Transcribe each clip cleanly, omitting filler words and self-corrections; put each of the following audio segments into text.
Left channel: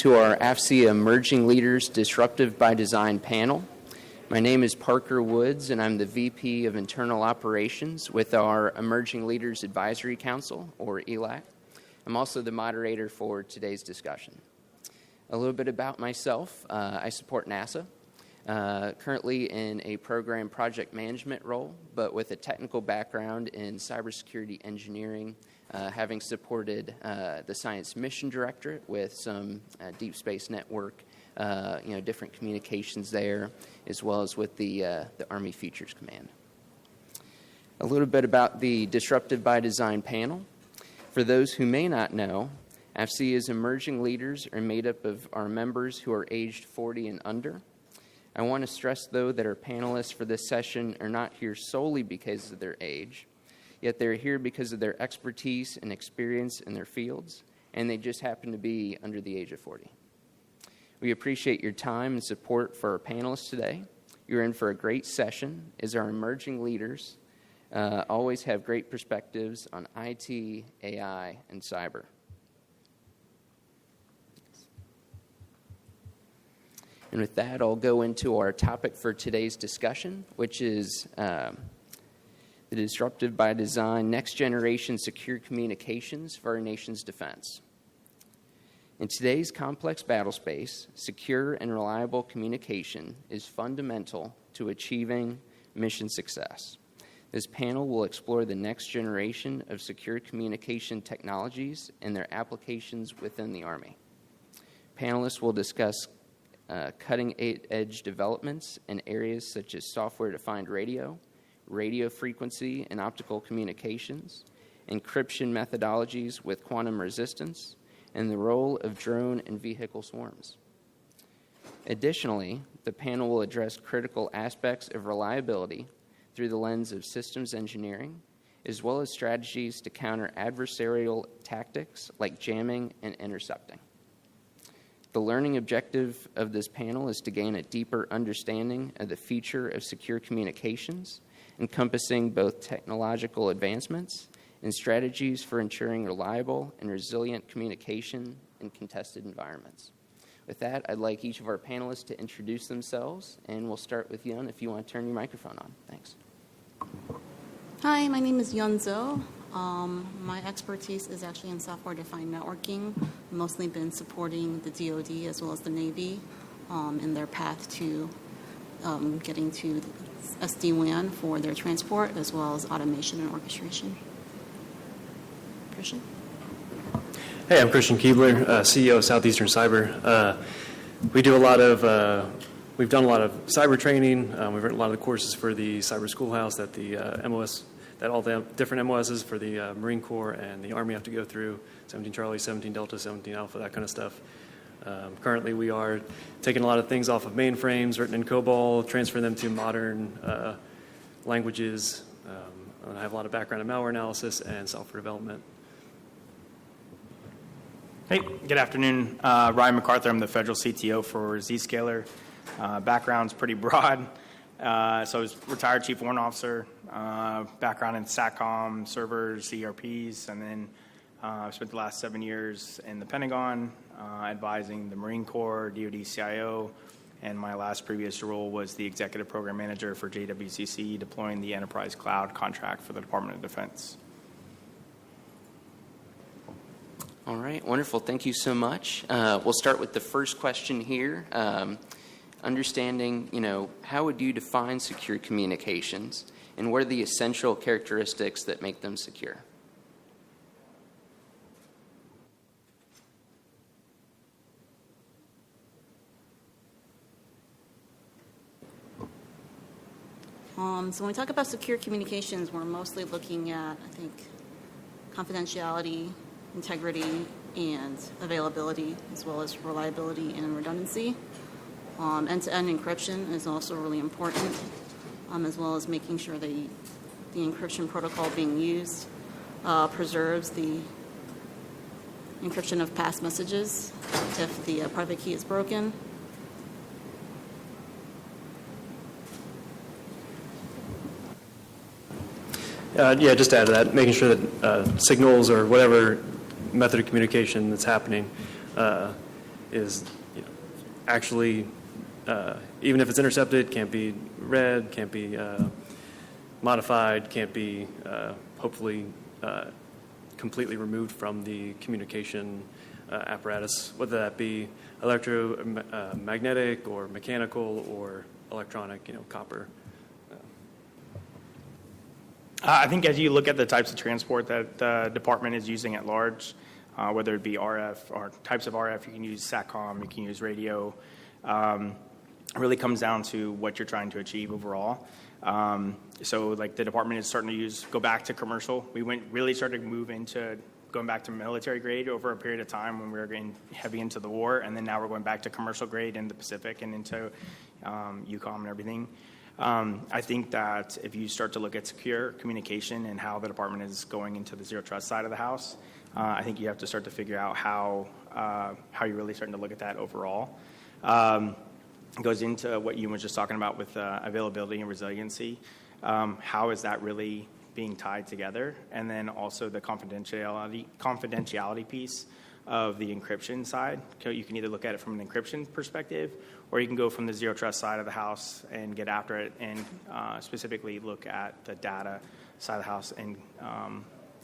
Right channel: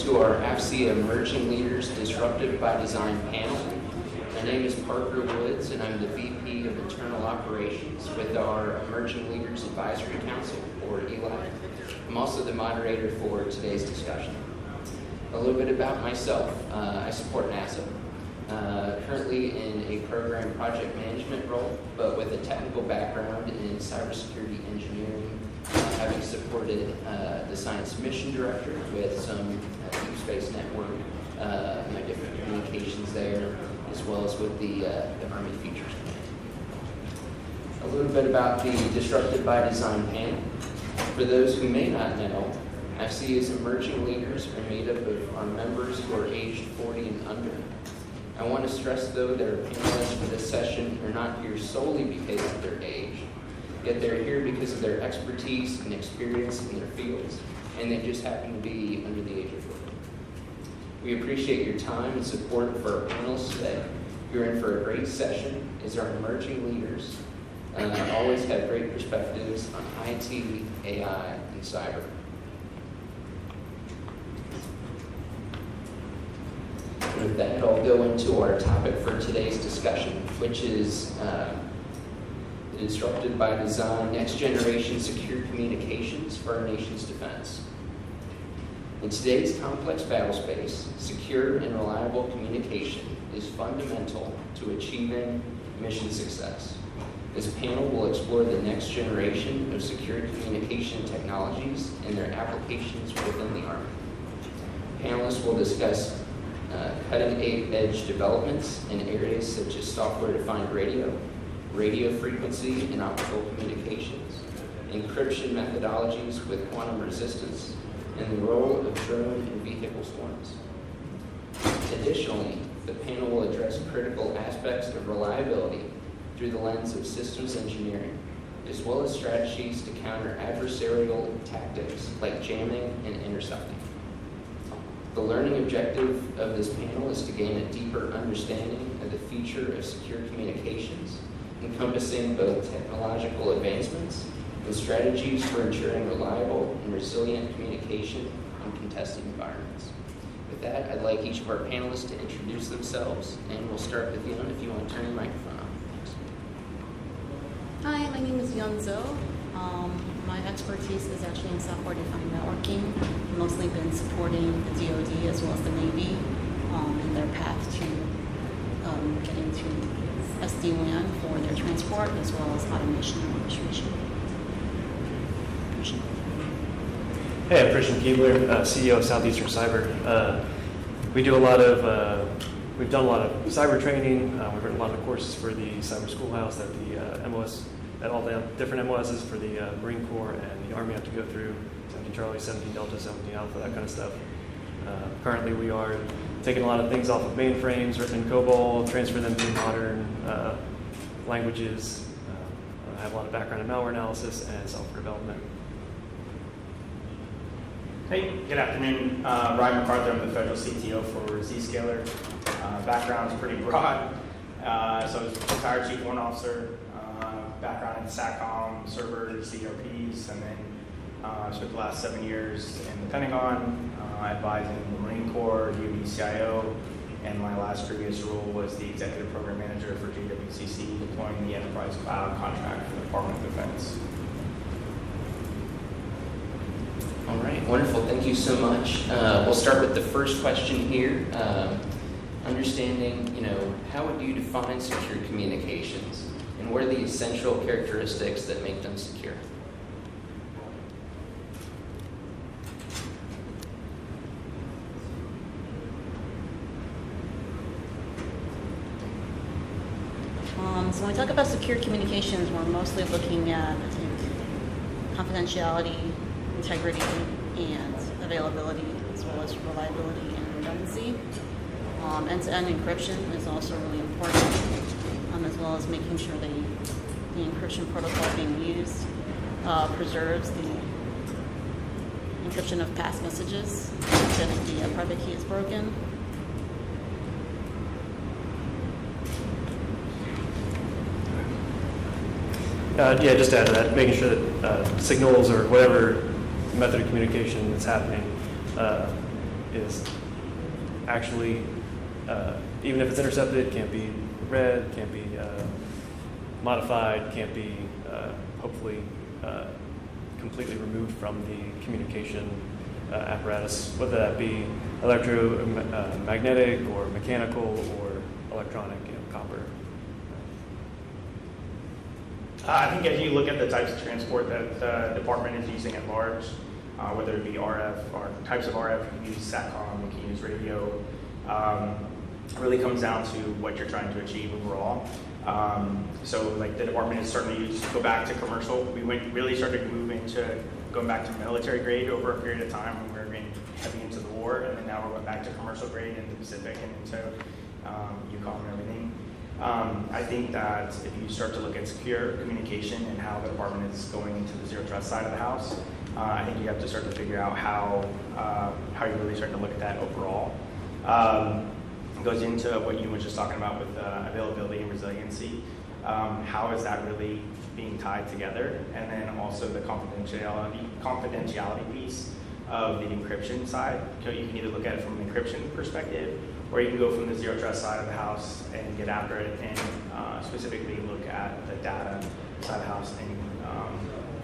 into our AFCEA Emerging Leaders Disruptive by Design panel. My name is Parker Woods, and I'm the VP of Internal Operations with our Emerging Leaders Advisory Council, or ELAC. I'm also the moderator for today's discussion. A little bit about myself. I support NASA, currently in a program project management role, but with a technical background in cybersecurity engineering, having supported the Science Mission Director with some deep space network, different communications there, as well as with the Army Futures Command. A little bit about the Disruptive by Design panel. For those who may not know, AFCEA's emerging leaders are made up of our members who are aged 40 and under. I want to stress, though, that our panelists for this session are not here solely because of their age, yet they're here because of their expertise and experience in their fields, and they just happen to be under the age of 40. We appreciate your time and support for our panelists today. You're in for a great session, as our emerging leaders always have great perspectives on IT, AI, and cyber. And with that, I'll go into our topic for today's discussion, which is the Disruptive by Design Next Generation Secure Communications for our nation's defense. In today's complex battlespace, secure and reliable communication is fundamental to achieving mission success. This panel will explore the next generation of secure communication technologies and their applications within the Army. Panelists will discuss cutting-edge developments in areas such as software-defined radio, radio frequency and optical communications, encryption methodologies with quantum resistance, and the role of drone and vehicle swarms. Additionally, the panel will address critical aspects of reliability through the lens of systems engineering, as well as strategies to counter adversarial tactics like jamming and intercepting. The learning objective of this panel is to gain a deeper understanding of the future of secure communications, encompassing both technological advancements and strategies for ensuring reliable and resilient communication in contested environments. With that, I'd like each of our panelists to introduce themselves, and we'll start with Yun if you want to turn your microphone on. Thanks. Hi, my name is Zhou. My expertise is actually in software-defined networking. I've mostly been supporting the DoD as well as the Navy in their path to getting to SD-WAN for their transport, as well as automation and orchestration. Christian? Hey, I'm Christian Keebler, CEO of Southeastern Cyber. We've done a lot of cyber training. We've written a lot of the courses for the Cyber Schoolhouse that the MOS, that all the different MOSs for the Marine Corps and the Army have to go through, 17 Charlie, 17 Delta, 17 Alpha, that kind of stuff. Currently we are taking a lot of things off of mainframes written in COBOL, transferring them to modern languages. I have a lot of background in malware analysis and software development. Hey, good afternoon. Ryan McArthur, I'm the federal CTO for Zscaler. Background's pretty broad. So I was retired chief warrant officer, background in SATCOM, servers, ERPs, and then spent the last 7 years in the Pentagon, advising the Marine Corps, DoD CIO, and my last previous role was the executive program manager for JWCC, deploying the enterprise cloud contract for the Department of Defense. All right, wonderful. Thank you so much. We'll start with the first question here. Understanding, how would you define secure communications, and what are the essential characteristics that make them secure? So when we talk about secure communications, we're mostly looking at, I think, confidentiality, integrity, and availability, as well as reliability and redundancy. End-to-end encryption is also really important, as well as making sure the encryption protocol being used preserves the encryption of past messages if the private key is broken. Just to add to that, making sure that signals or whatever method of communication that's happening is actually, even if it's intercepted, can't be read, can't be modified, can't be hopefully completely removed from the communication apparatus, whether that be electromagnetic or mechanical or electronic, copper. I think as you look at the types of transport that the department is using at large, whether it be RF or types of RF, you can use SATCOM, you can use radio. It really comes down to what you're trying to achieve overall. So like the department is starting to go back to commercial. We really started moving to going back to military grade over a period of time when we were getting heavy into the war, and then now we're going back to commercial grade in the Pacific and into EUCOM and everything. I think that if you start to look at secure communication and how the department is going into the zero trust side of the house, I think you have to start to figure out how you're really starting to look at that overall. It goes into what you were just talking about with availability and resiliency. How is that really being tied together? And then also the confidentiality piece of the encryption side. You can either look at it from an encryption perspective, or you can go from the zero trust side of the house and get after it and specifically look at the data side of the house and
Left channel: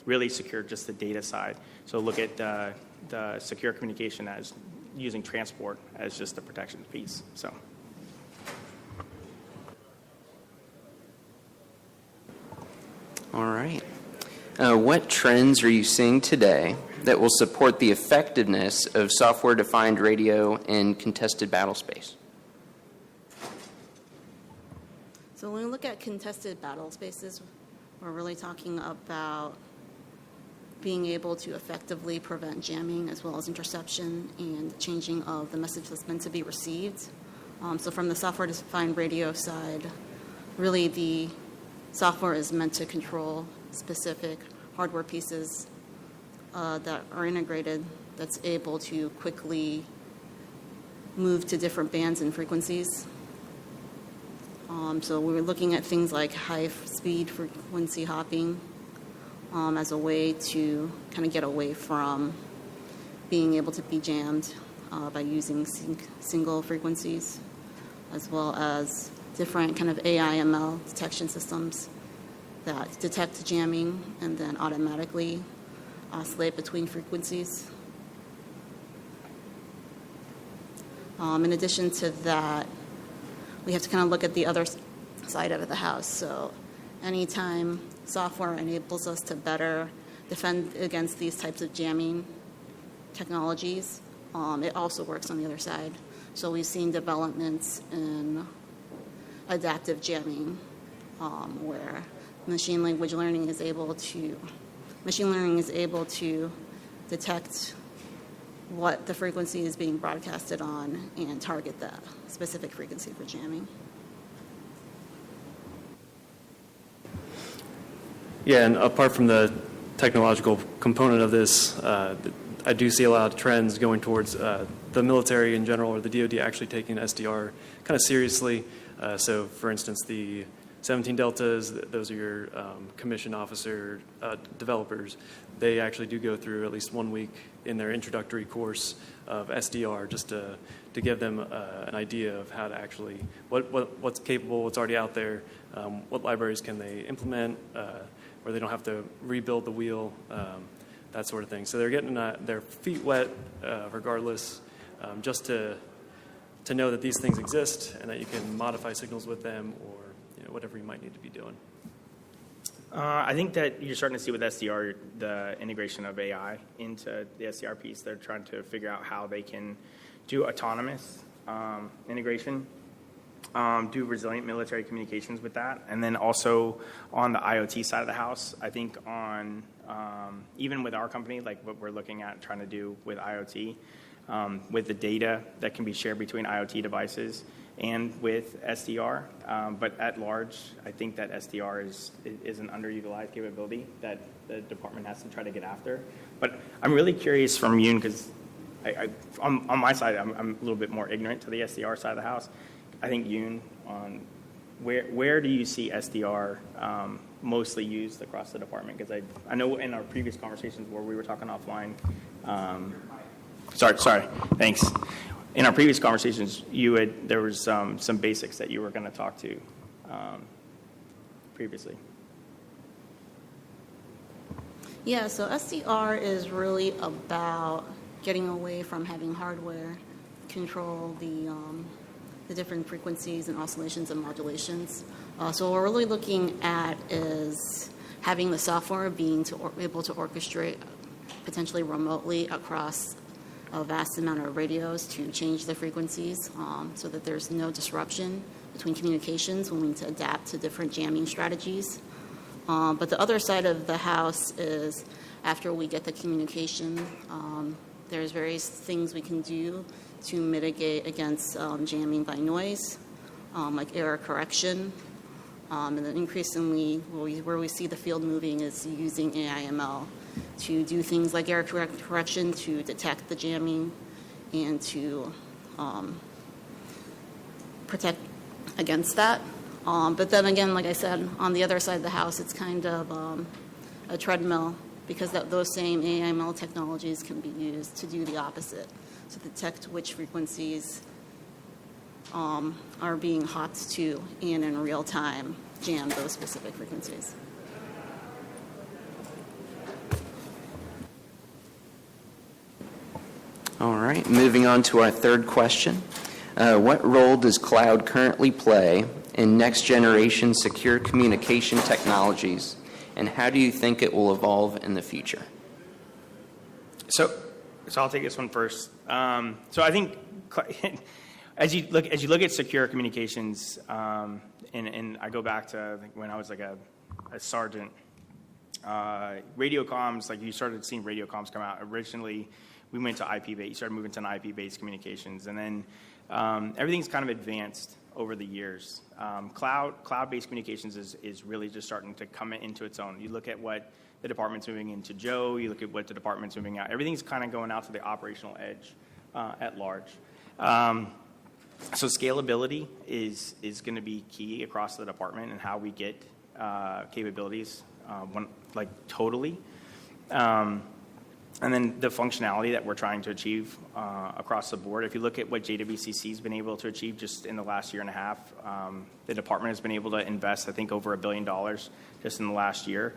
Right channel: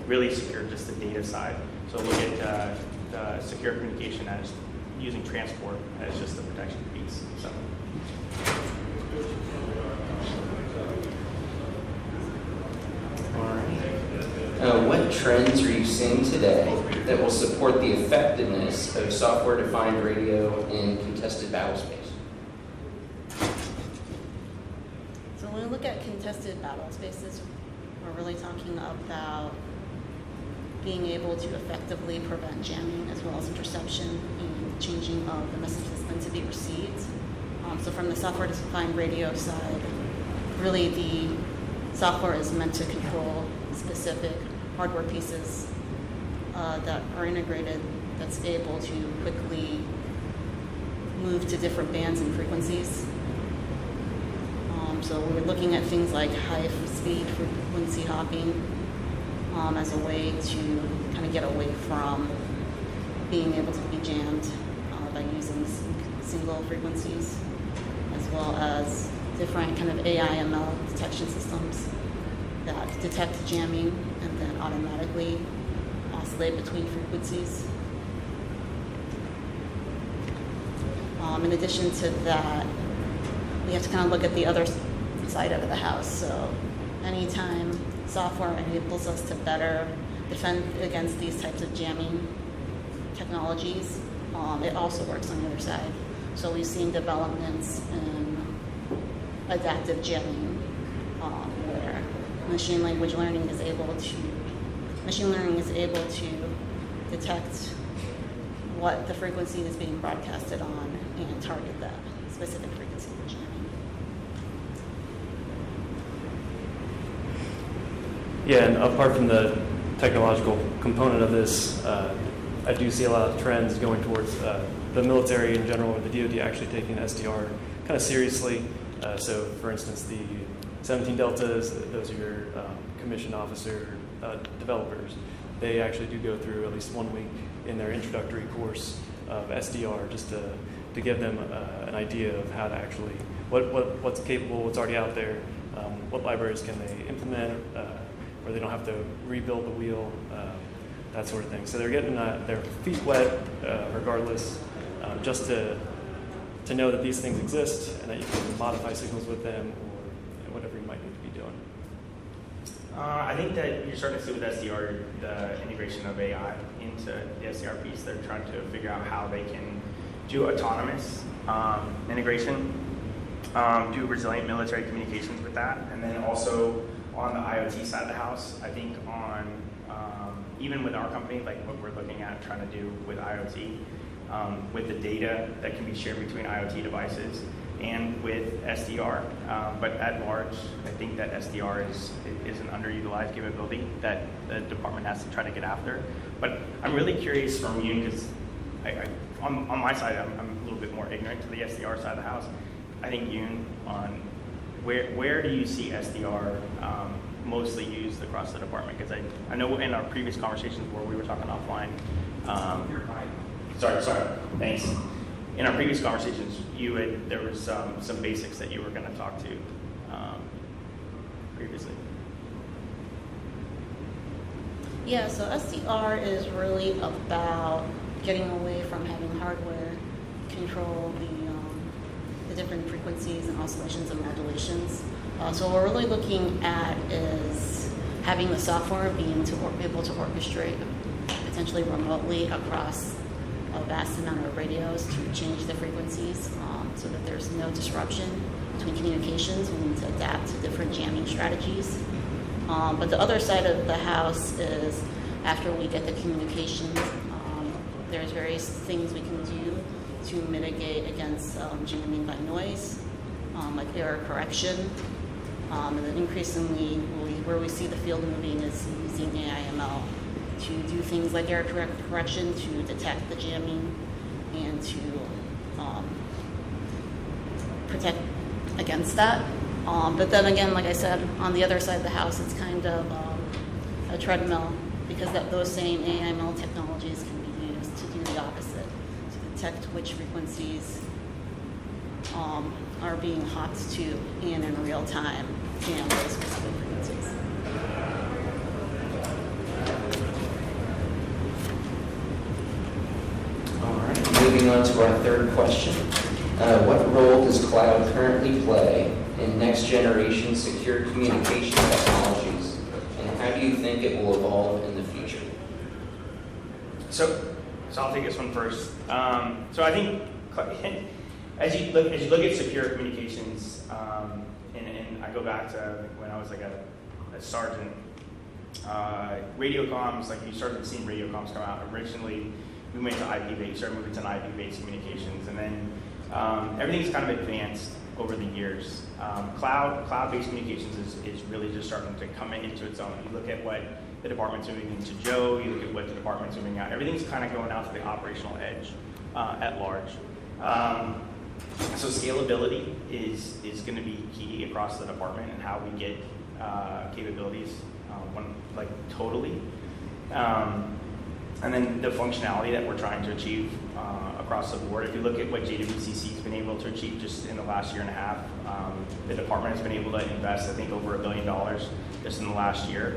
really secure just the data side. So look at the secure communication as using transport as just the protection piece. So. All right. What trends are you seeing today that will support the effectiveness of software-defined radio in contested battle space? So when we look at contested battle spaces, we're really talking about being able to effectively prevent jamming as well as interception and changing of the message that's meant to be received. So from the software-defined radio side, really the software is meant to control specific hardware pieces that are integrated that's able to quickly move to different bands and frequencies. So we're looking at things like high-speed frequency hopping as a way to kind of get away from being able to be jammed by using single frequencies, as well as different kind of AI/ML detection systems that detect jamming and then automatically oscillate between frequencies. In addition to that, we have to kind of look at the other side of the house. So anytime software enables us to better defend against these types of jamming technologies, it also works on the other side. So we've seen developments in adaptive jamming, where machine learning is able to detect what the frequency is being broadcasted on and target that specific frequency for jamming. Yeah, and apart from the technological component of this, I do see a lot of trends going towards the military in general, and the DoD actually taking SDR kind of seriously. So, for instance, the 17 Deltas, those are your commissioned officer developers. They actually do go through at least 1 week in their introductory course of SDR just to give them an idea of how to actually, what's capable, what's already out there, what libraries can they implement, where they don't have to rebuild the wheel, that sort of thing. So they're getting their feet wet regardless, just to know that these things exist and that you can modify signals with them or whatever you might need to be doing. I think that you're starting to see with SDR the integration of AI into the SDR piece. They're trying to figure out how they can do autonomous integration, do resilient military communications with that, and then also on the IoT side of the house, I think on even with our company, like what we're looking at trying to do with IoT, with the data that can be shared between IoT devices and with SDR, but at large, I think that SDR is an underutilized capability that the department has to try to get after. But I'm really curious from you, because on my side, I'm a little bit more ignorant to the SDR side of the house. I think Yoon, on where do you see SDR mostly used across the department? Because I know in our previous conversations where we were talking offline, Sorry. Thanks. In our previous conversations, there was some basics that you were going to talk to previously. Yeah, so SDR is really about getting away from having hardware control the different frequencies and oscillations and modulations. So what we're really looking at is having the software being able to orchestrate potentially remotely across a vast amount of radios to change the frequencies so that there's no disruption between communications. We need to adapt to different jamming strategies. But the other side of the house is after we get the communication, there's various things we can do to mitigate against jamming by noise, like error correction. And then increasingly, where we see the field moving is using AI/ML to do things like error correction to detect the jamming and to protect against that. But then again, like I said, on the other side of the house, it's kind of a treadmill because those same AI/ML technologies can be used to do the opposite, to detect which frequencies are being hopped to and in real time jam those specific frequencies. All right, moving on to our third question. What role does cloud currently play in next generation secure communication technologies, and how do you think it will evolve in the future? So I'll take this one first. So I think as you look at secure communications, and I go back to when I was like a sergeant, radio comms, like you started seeing radio comms come out. Originally, we went to IP-based, started moving to an IP-based communications, and then everything's kind of advanced over the years. Cloud-based communications is really just starting to come into its own. You look at what the department's moving into Zhou, you look at what the department's moving out. Everything's kind of going out to the operational edge at large. So scalability is going to be key across the department and how we get capabilities totally. And then the functionality that we're trying to achieve across the board. If you look at what JWCC has been able to achieve just in the last year and a half, the department has been able to invest, I think, over $1 billion just in the last year.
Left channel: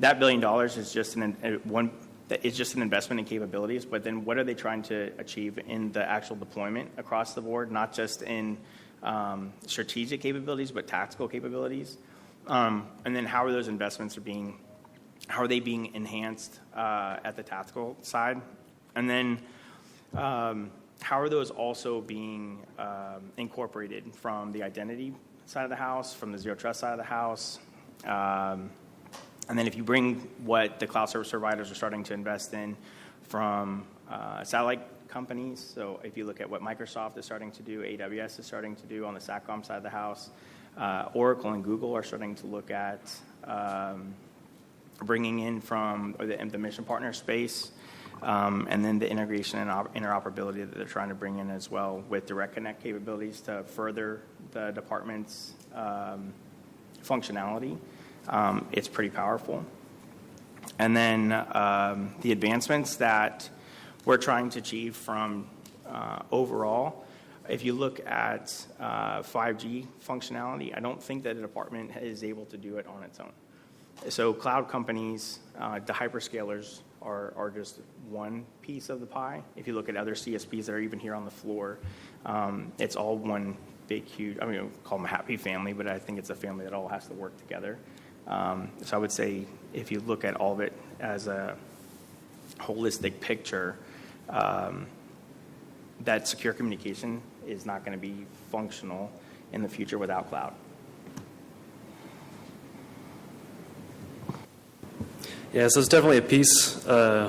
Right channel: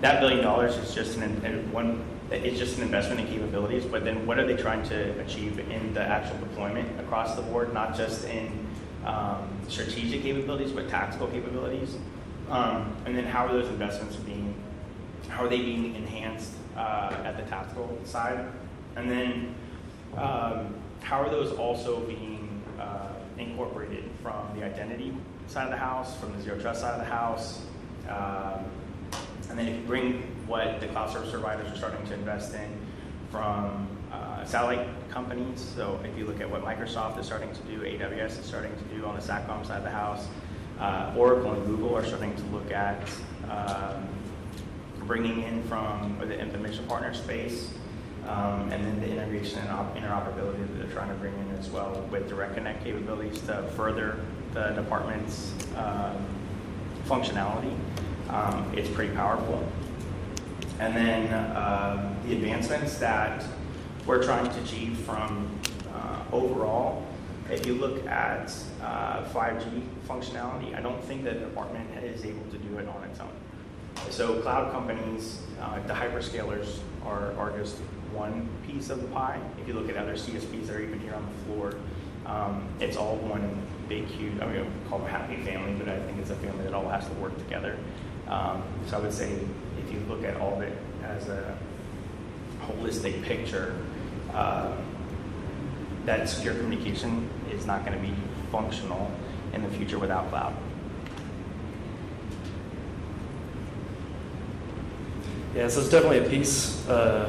That $1 billion is just it's just an investment in capabilities, but then what are they trying to achieve in the actual deployment across the board, not just in strategic capabilities, but tactical capabilities? And then how are those investments being enhanced at the tactical side? And then how are those also being incorporated from the identity side of the house, from the zero trust side of the house? And then if you bring what the cloud service providers are starting to invest in from satellite companies, so if you look at what Microsoft is starting to do, AWS is starting to do on the SATCOM side of the house, Oracle and Google are starting to look at bringing in from the mission partner space, and then the integration and interoperability that they're trying to bring in as well with direct connect capabilities to further the department's functionality. It's pretty powerful. And then the advancements that we're trying to achieve from overall, if you look at 5G functionality, I don't think that the department is able to do it on its own. So cloud companies, the hyperscalers are just one piece of the pie. If you look at other CSPs that are even here on the floor, it's all one big, huge, I mean, we call them a happy family, but I think it's a family that all has to work together. So I would say if you look at all of it as a holistic picture, that secure communication is not going to be functional in the future without cloud. Yeah, so it's definitely a piece. I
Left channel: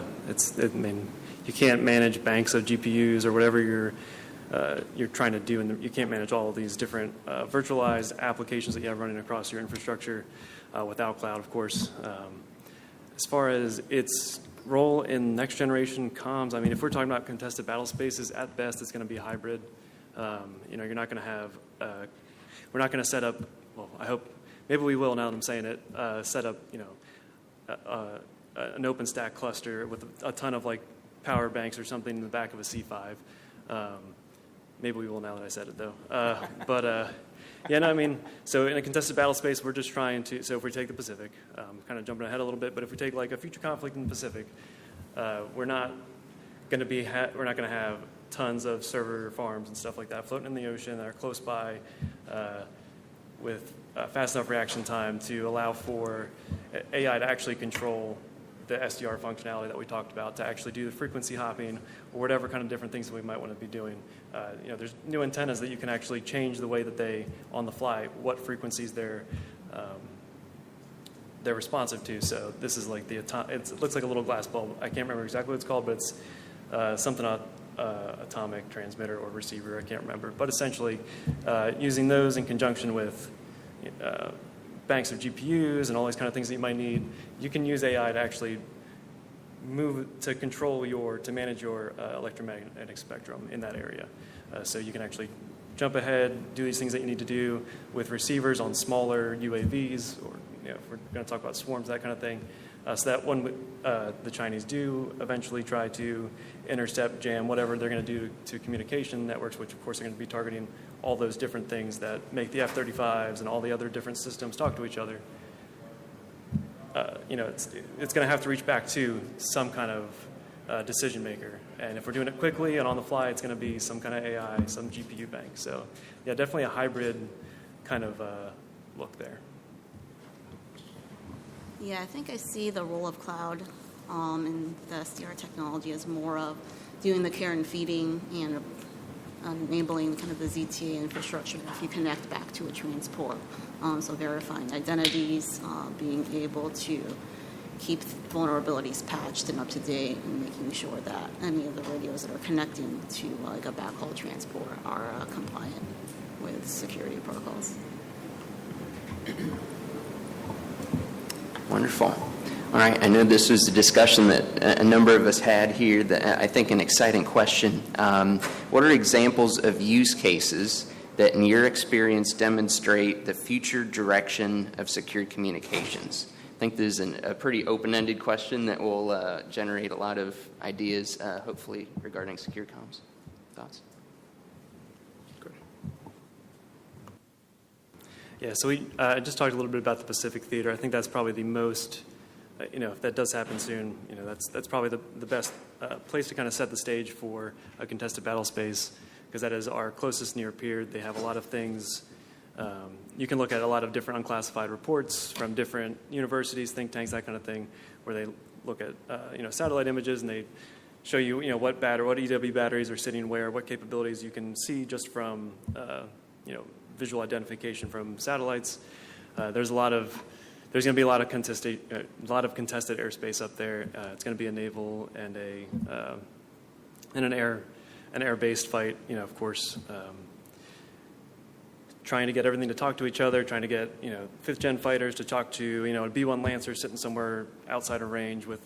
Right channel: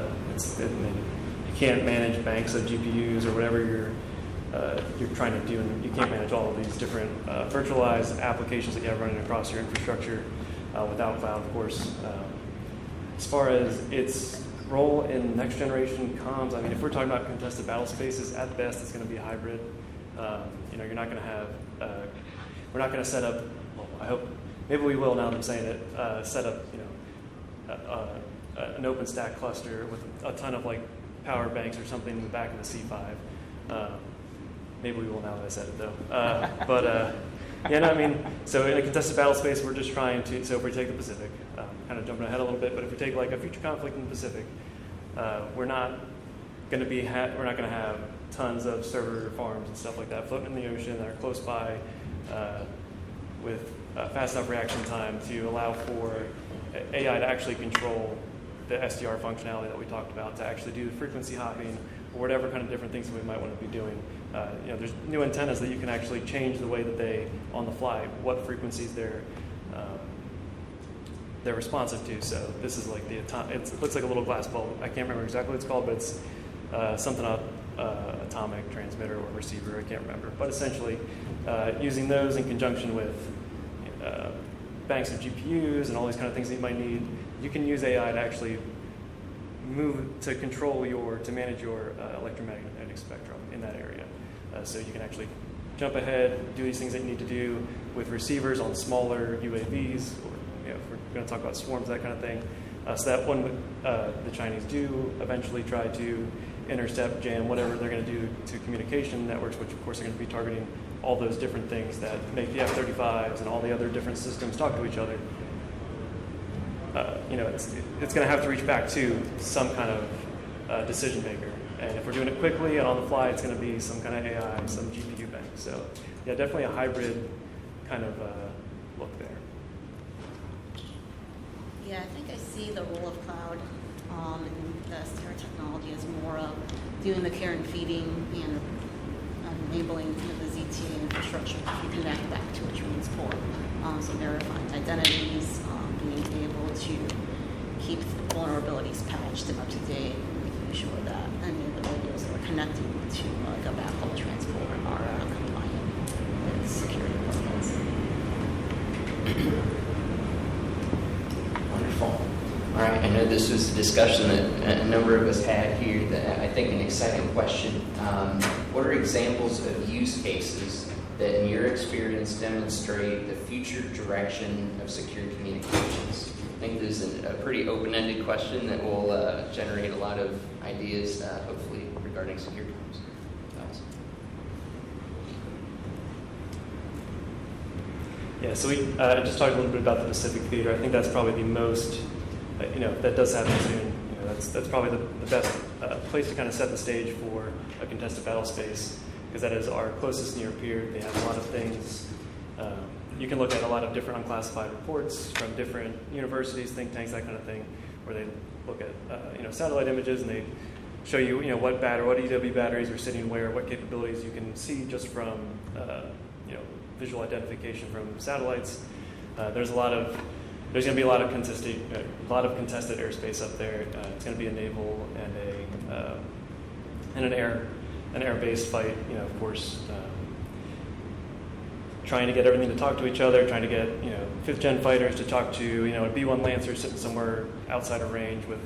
mean, you can't manage banks of GPUs or whatever you're trying to do, and you can't manage all of these different virtualized applications that you have running across your infrastructure without cloud, of course. As far as its role in next generation comms, I mean, if we're talking about contested battle spaces, at best it's going to be hybrid. You're not going to have, we're not going to set up, well, I hope, maybe we will now that I'm saying it, set up, an OpenStack cluster with a ton of like power banks or something in the back of a C5. Maybe we will now that I said it though. Yeah, no, I mean, so in a contested battle space, we're just trying to, so if we take the Pacific, kind of jumping ahead a little bit, but if we take like a future conflict in the Pacific, we're not going to have tons of server farms and stuff like that floating in the ocean that are close by with fast enough reaction time to allow for AI to actually control the SDR functionality that we talked about, to actually do the frequency hopping or whatever kind of different things that we might want to be doing. There's new antennas that you can actually change the way that they, on the fly, what frequencies they're responsive to. So this is like it looks like a little glass bulb. I can't remember exactly what it's called, but it's something atomic transmitter or receiver. I can't remember. But essentially, using those in conjunction with banks of GPUs and all these kind of things that you might need, you can use AI to actually to manage your electromagnetic spectrum in that area. So you can actually jump ahead, do these things that you need to do with receivers on smaller UAVs, or if we're going to talk about swarms, that kind of thing. So that when the Chinese do eventually try to intercept, jam, whatever they're going to do to communication networks, which of course are going to be targeting all those different things that make the F-35s and all the other different systems talk to each other. It's going to have to reach back to some kind of decision maker. And if we're doing it quickly and on the fly, it's going to be some kind of AI, some GPU bank. So yeah, definitely a hybrid kind of look there. Yeah, I think I see the role of cloud in the SDR technology as more of doing the care and feeding and enabling kind of the ZTA infrastructure if you connect back to a transport. So verifying identities, being able to keep vulnerabilities patched and up to date, and making sure that any of the radios that are connecting to like a backhaul transport are compliant with security protocols. Wonderful. All right, I know this was a discussion that a number of us had here, that I think an exciting question. What are examples of use cases that in your experience demonstrate the future direction of secure communications? I think this is a pretty open-ended question that will generate a lot of ideas, hopefully, regarding secure comms. Thoughts? Yeah, so we just talked a little bit about the Pacific Theater. I think that's probably the most, if that does happen soon, that's probably the best place to kind of set the stage for a contested battle space, because that is our closest near peer. They have a lot of things. You can look at a lot of different unclassified reports from different universities, think tanks, that kind of thing, where they look at satellite images and they show you what EW batteries are sitting where, what capabilities you can see just from visual identification from satellites. There's going to be a lot of contested airspace up there. It's going to be a naval and an air-based fight. Of course. Trying to get everything to talk to each other, trying to get fifth-gen fighters to talk to a B-1 Lancer sitting somewhere outside of range with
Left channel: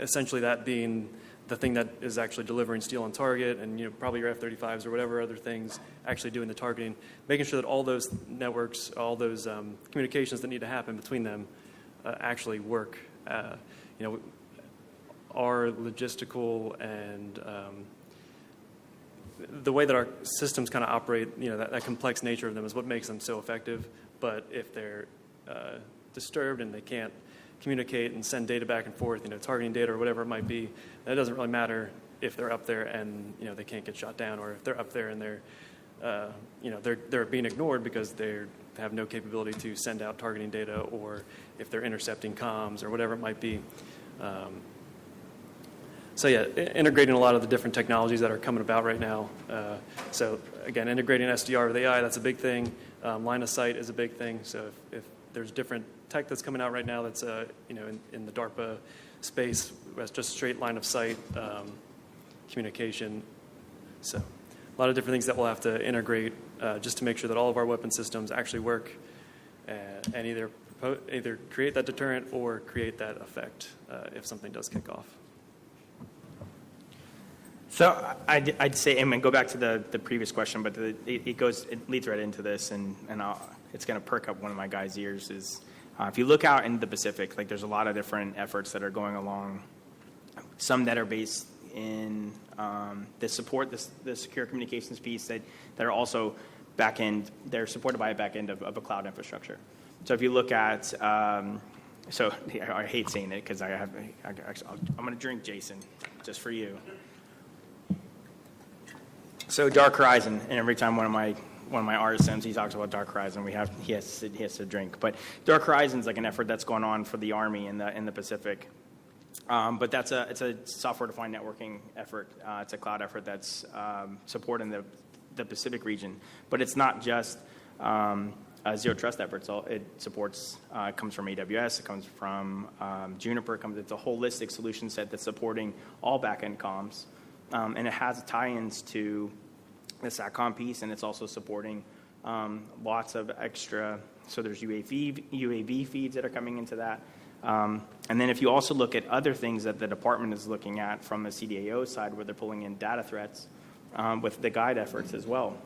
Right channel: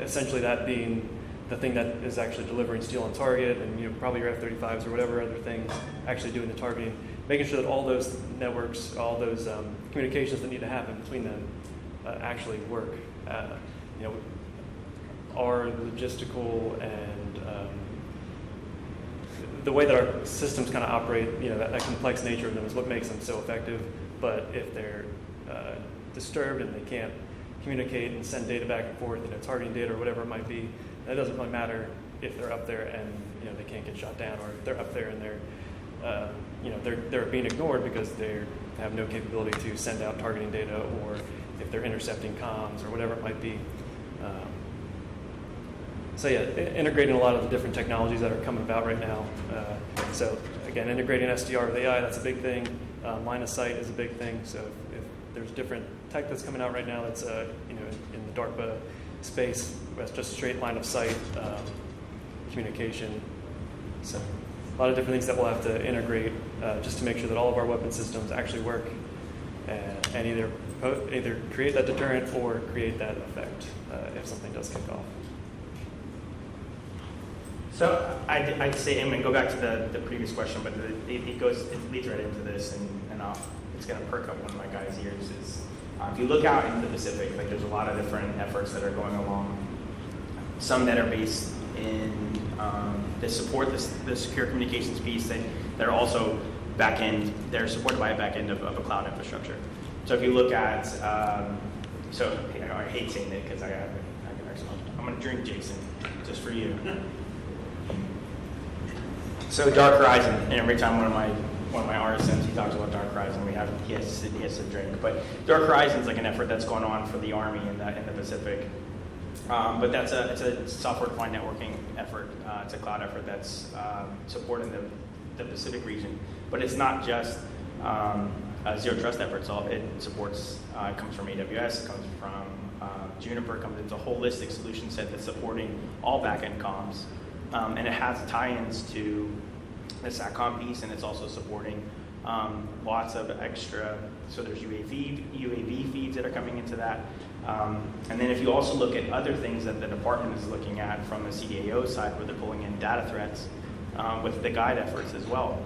essentially that being the thing that is actually delivering steel on target, and probably your F-35s or whatever other things actually doing the targeting, making sure that all those networks, all those communications that need to happen between them actually work. Our logistical and the way that our systems kind of operate, that complex nature of them is what makes them so effective. But if they're disturbed and they can't communicate and send data back and forth, targeting data or whatever it might be, that doesn't really matter if they're up there and they can't get shot down, or if they're up there and they're being ignored because they have no capability to send out targeting data, or if they're intercepting comms or whatever it might be. So yeah, integrating a lot of the different technologies that are coming about right now. So again, integrating SDR with AI, that's a big thing. Line of sight is a big thing. So if there's different tech that's coming out right now that's in the DARPA space, that's just straight line of sight communication. So a lot of different things that we'll have to integrate just to make sure that all of our weapon systems actually work and either create that deterrent or create that effect if something does kick off. So I'd say, and go back to the previous question, but it leads right into this, and it's going to perk up one of my guys' ears. Is if you look out into the Pacific, there's a lot of different efforts that are going along. some that are based in that support the secure communications piece that are also back-end, they're supported by a back-end of a cloud infrastructure. So if you look at, so I hate saying it because I'm going to drink, Jason, just for you. So Dark Horizon, and every time one of my RSMs, he talks about Dark Horizon, he has to drink. But Dark Horizon is like an effort that's going on for the Army in the Pacific. But it's a software-defined networking effort. It's a cloud effort that's supporting the Pacific region. But it's not just a zero trust effort. So it supports, comes from AWS, it comes from Juniper. It's a holistic solution set that's supporting all backend comms. And it has tie-ins to the SATCOM piece, and it's also supporting lots of extra, so there's UAV feeds that are coming into that. And then if you also look at other things that the department is looking at from a CDAO side, where they're pulling in data threats with the guide efforts as well.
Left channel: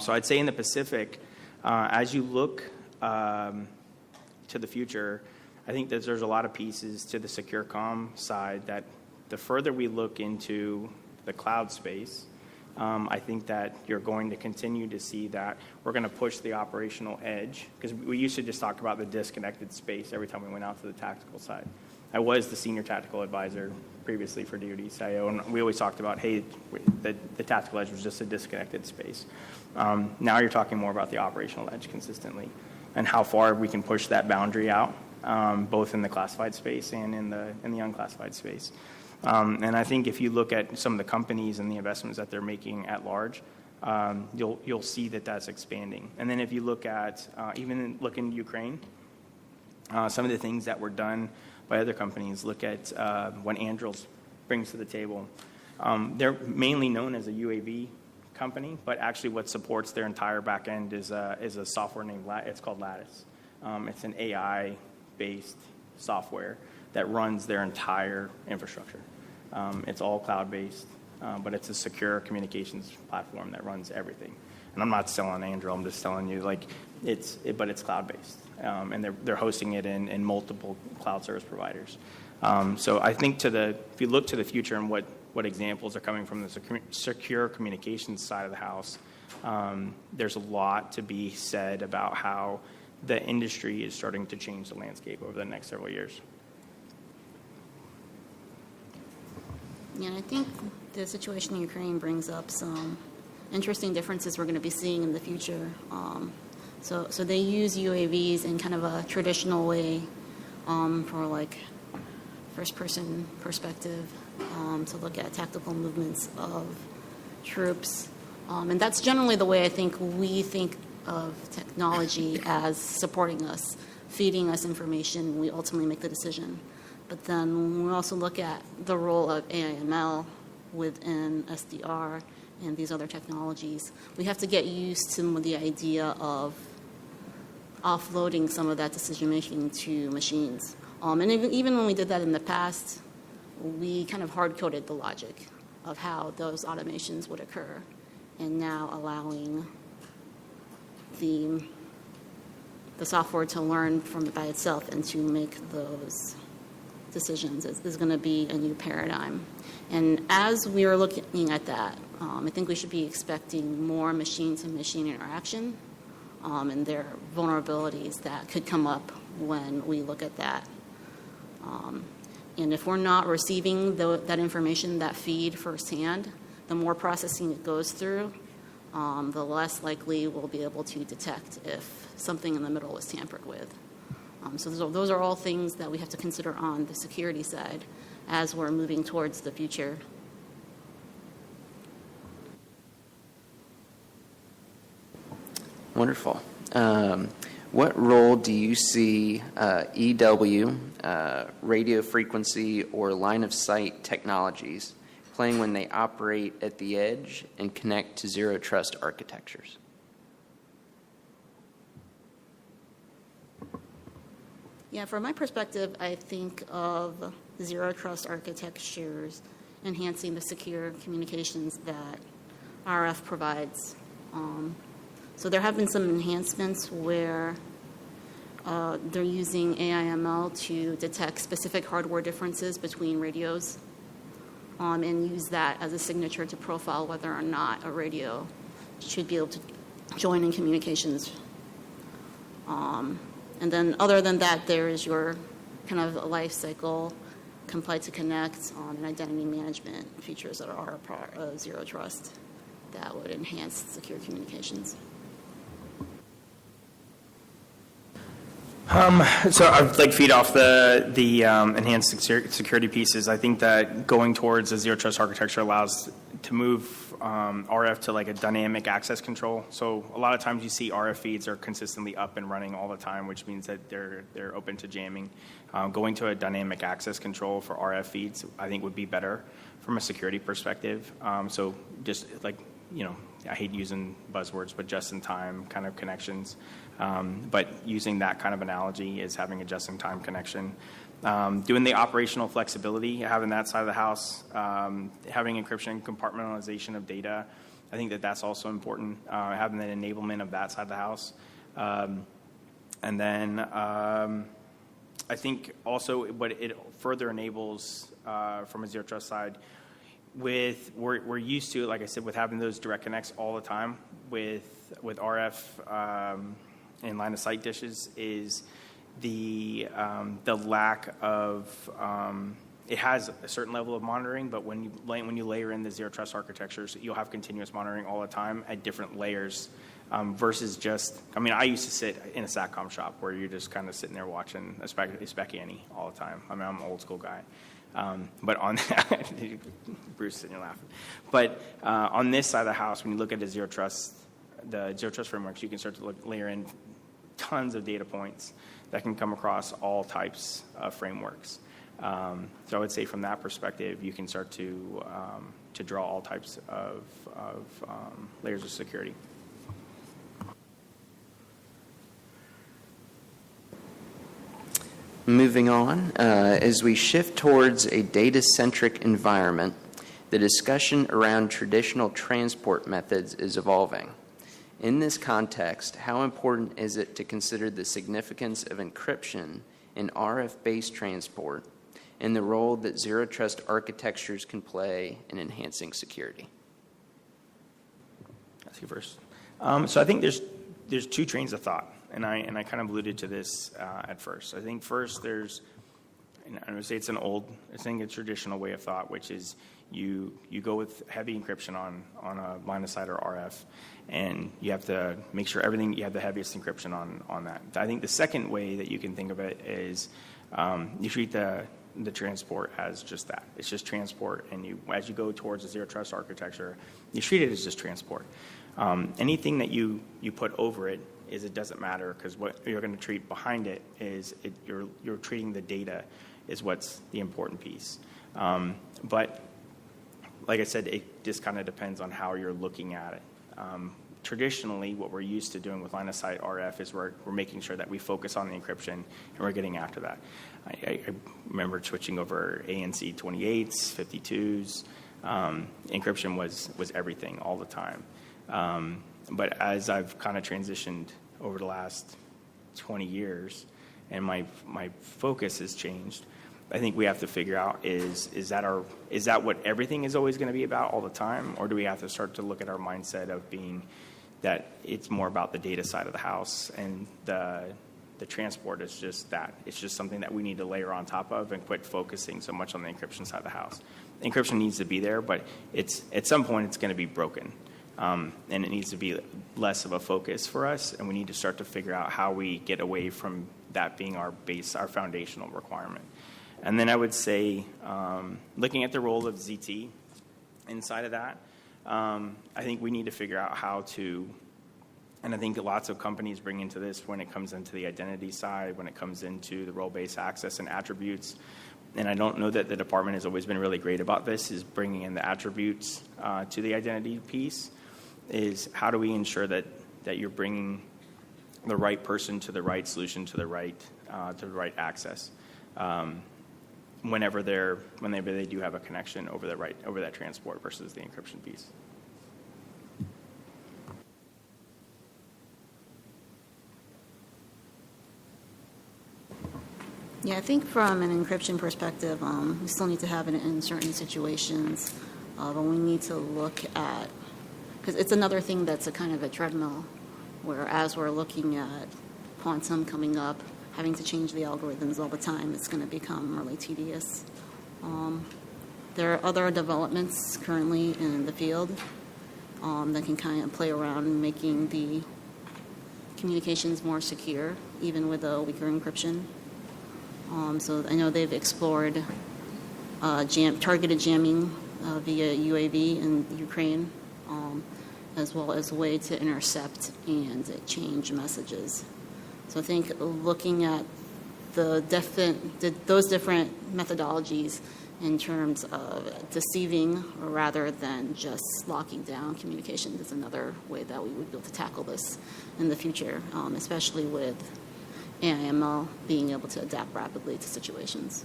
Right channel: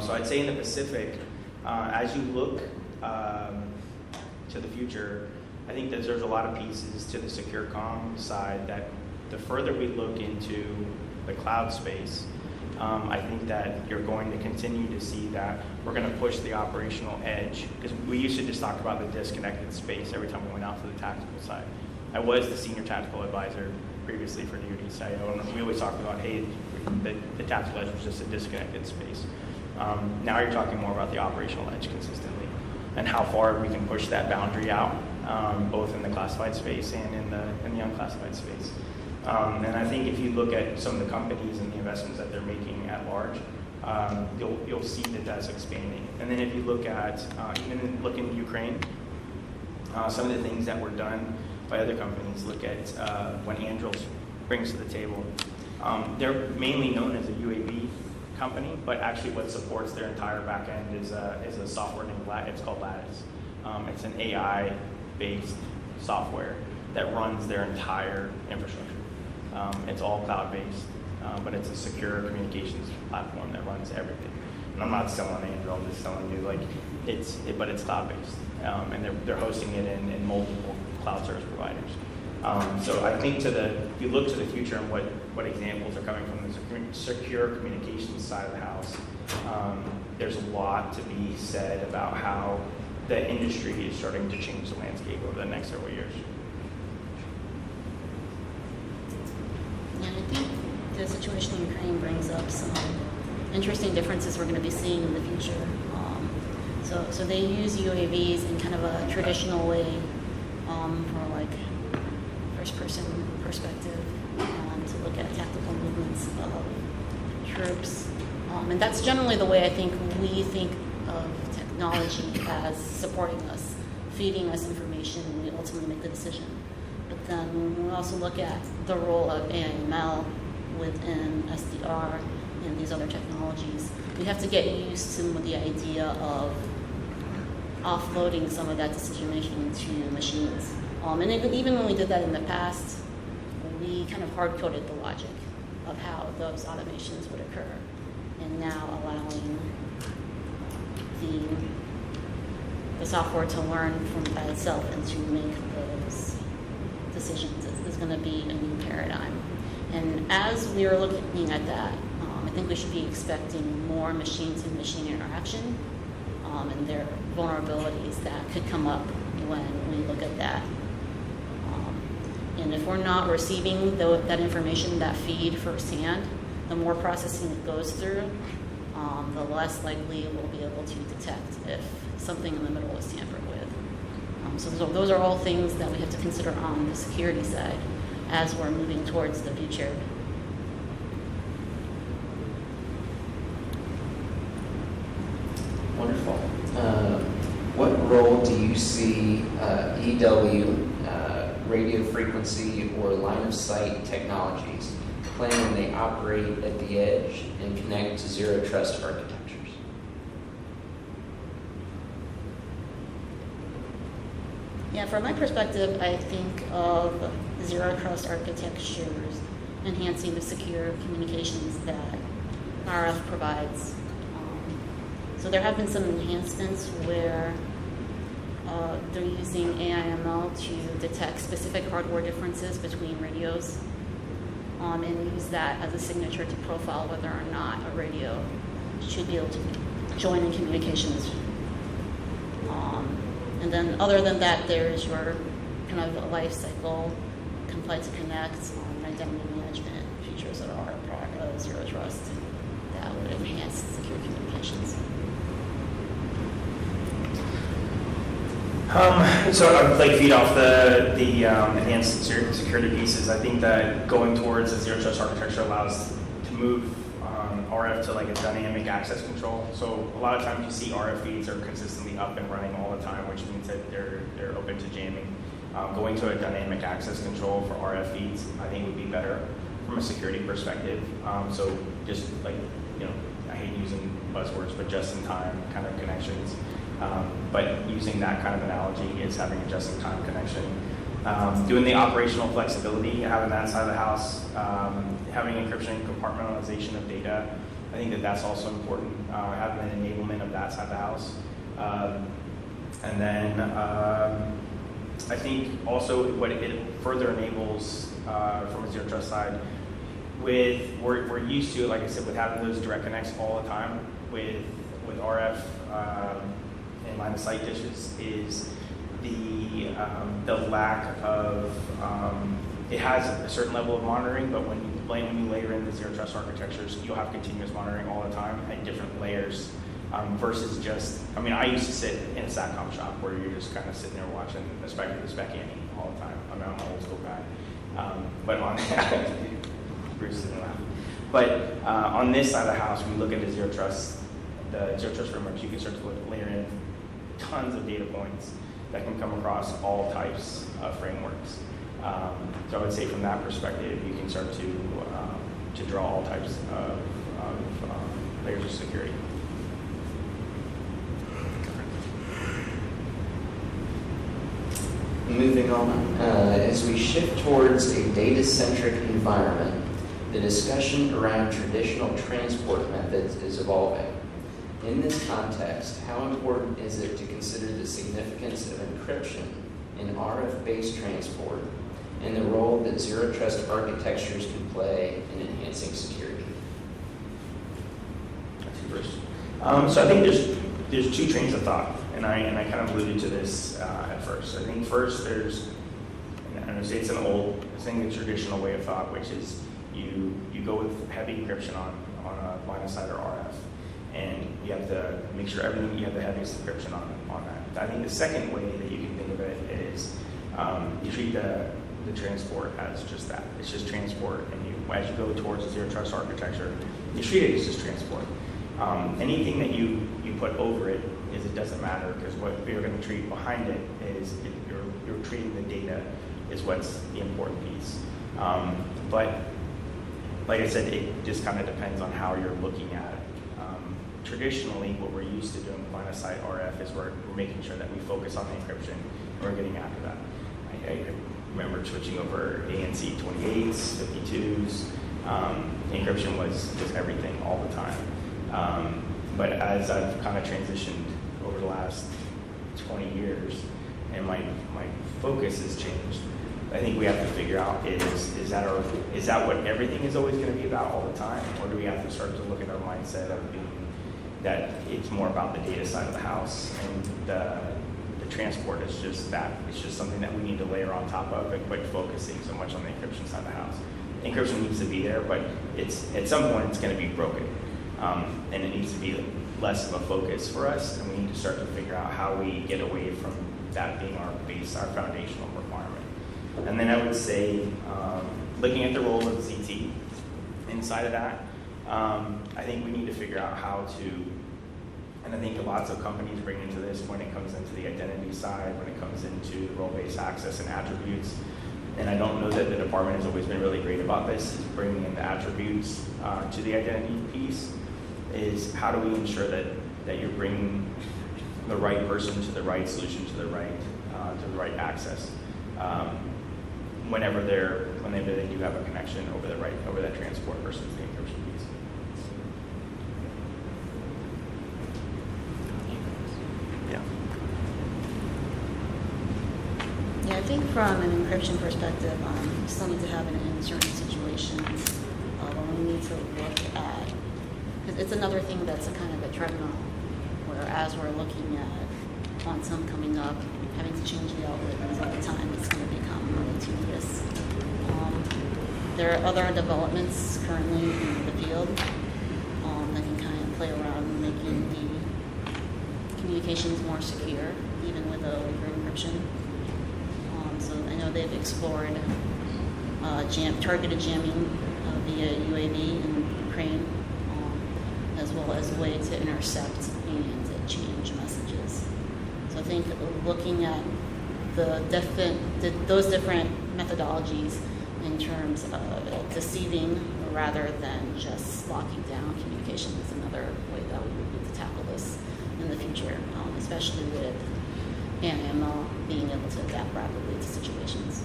So I'd say in the Pacific, as you look to the future, I think that there's a lot of pieces to the secure comm side that the further we look into the cloud space, I think that you're going to continue to see that we're going to push the operational edge, because we used to just talk about the disconnected space every time we went out to the tactical side. I was the senior tactical advisor previously for DoD CIO, and we always talked about, hey, the tactical edge was just a disconnected space. Now you're talking more about the operational edge consistently, and how far we can push that boundary out, both in the classified space and in the unclassified space. And I think if you look at some of the companies and the investments that they're making at large, you'll see that that's expanding. And then if you look at, even look in Ukraine, some of the things that were done by other companies, look at what Anduril brings to the table. They're mainly known as a UAV company, but actually what supports their entire back end is a software named it's called Lattice. It's an AI-based software that runs their entire infrastructure. It's all cloud-based, but it's a secure communications platform that runs everything. And I'm not selling Anduril, I'm just telling you, but it's cloud-based, and they're hosting it in multiple cloud service providers. So I think if you look to the future and what examples are coming from the secure communications side of the house, there's a lot to be said about how the industry is starting to change the landscape over the next several years. Yeah, I think the situation in Ukraine brings up some interesting differences we're going to be seeing in the future. So they use UAVs in kind of a traditional way for like first-person perspective to look at tactical movements of troops. And that's generally the way I think we think of technology as supporting us, feeding us information, and we ultimately make the decision. But then when we also look at the role of AI/ML within SDR and these other technologies, we have to get used to the idea of offloading some of that decision-making to machines. And even when we did that in the past, we kind of hard-coded the logic of how those automations would occur, and now allowing the software to learn by itself and to make those decisions is going to be a new paradigm. And as we are looking at that, I think we should be expecting more machine-to-machine interaction and their vulnerabilities that could come up when we look at that. And if we're not receiving that information, that feed firsthand, the more processing it goes through, the less likely we'll be able to detect if something in the middle is tampered with. So those are all things that we have to consider on the security side as we're moving towards the future. Wonderful. What role do you see EW, radio frequency, or line of sight technologies playing when they operate at the edge and connect to zero trust architectures? Yeah, from my perspective, I think of zero trust architectures enhancing the secure communications that RF provides. So there have been some enhancements where They're using AIML to detect specific hardware differences between radios and use that as a signature to profile whether or not a radio should be able to join in communications. And then other than that, there's your kind of life cycle, comply to connect, identity management features that are part of Zero Trust that would enhance secure communications. So I'd like feed off the enhanced security pieces. I think that going towards a zero trust architecture allows to move RF to like a dynamic access control. So a lot of times you see RF feeds are consistently up and running all the time, which means that they're open to jamming. Going to a dynamic access control for RF feeds, I think would be better from a security perspective. So just like, I hate using buzzwords, but just-in-time kind of connections. But using that kind of analogy is having a just-in-time connection. Doing the operational flexibility, having that side of the house, having encryption, compartmentalization of data, I think that that's also important, having that enablement of that side of the house. And then I think also what it further enables from a zero trust side, we're used to, like I said, with having those direct connects all the time with RF and line of sight dishes is the lack of it has a certain level of monitoring, but when you layer in the zero trust architectures, you'll have continuous monitoring all the time at different layers. Versus just, I used to sit in a SATCOM shop where you're just kind of sitting there watching a spec Annie all the time. I'm an old school guy. But on Bruce is gonna laugh. But on this side of the house, when we look at the zero trust frameworks, you can start to layer in tons of data points that can come across all types of frameworks. So I would say from that perspective, you can start to draw all types of layers of security. Moving on, as we shift towards a data-centric environment, the discussion around traditional transport methods is evolving. In this context, how important is it to consider the significance of encryption in RF-based transport and the role that zero trust architectures can play in enhancing security? So I think there's two trains of thought, and I kind of alluded to this at first. I think first I'm going to say it's a traditional way of thought, which is you go with heavy encryption on a line of sight or RF, and you have to make sure you have the heaviest encryption on that. I think the second way that you can think of it is you treat the transport as just that. It's just transport, and as you go towards a zero trust architecture, you treat it as just transport. Anything that you put over it doesn't matter, because what you're going to treat behind it is you're treating the data is what's the important piece. But like I said, it just kind of depends on how you're looking at it. Traditionally, what we're used to doing with line of sight RF is we're making sure that we focus on the encryption and we're getting after that. I remember switching over ANC 28s, 52s. Encryption was everything all the time. But as I've kind of transitioned over the last 20 years and my focus has changed, I think we have to figure out is that what everything is always going to be about all the time, or do we have to start to look at our mindset of being that it's more about the data side of the house, and the transport is just that. It's just something that we need to layer on top of and quit focusing so much on the encryption side of the house. Encryption needs to be there, but it's at some point it's going to be broken, and it needs to be less of a focus for us, and we need to start to figure out how we get away from that being our base, our foundational requirement. And then I would say, looking at the role of ZT inside of that, I think we need to figure out how to, and I think lots of companies bring into this when it comes into the identity side, when it comes into role-based access and attributes. And I don't know that the department has always been really great about this, is bringing in the attributes to the identity piece, is how do we ensure that you're bringing the right person to the right solution, to the right access, whenever they do have a connection over that transport versus the encryption piece. Yeah. Yeah, I think from an encryption perspective, we still need to have it in certain situations, but we need to look at, because it's another thing that's a kind of a treadmill, where as we're looking at quantum coming up, having to change the algorithms all the time, it's going to become really tedious. There are other developments currently in the field that can kind of play around in making the communications more secure, even with a weaker encryption. So I know they've explored targeted jamming via UAV in Ukraine, as well as a way to intercept and change messages. So I think looking at those different methodologies in terms of deceiving rather than just locking down communication is another way that we would be able to tackle this in the future, especially with AIML being able to adapt rapidly to situations.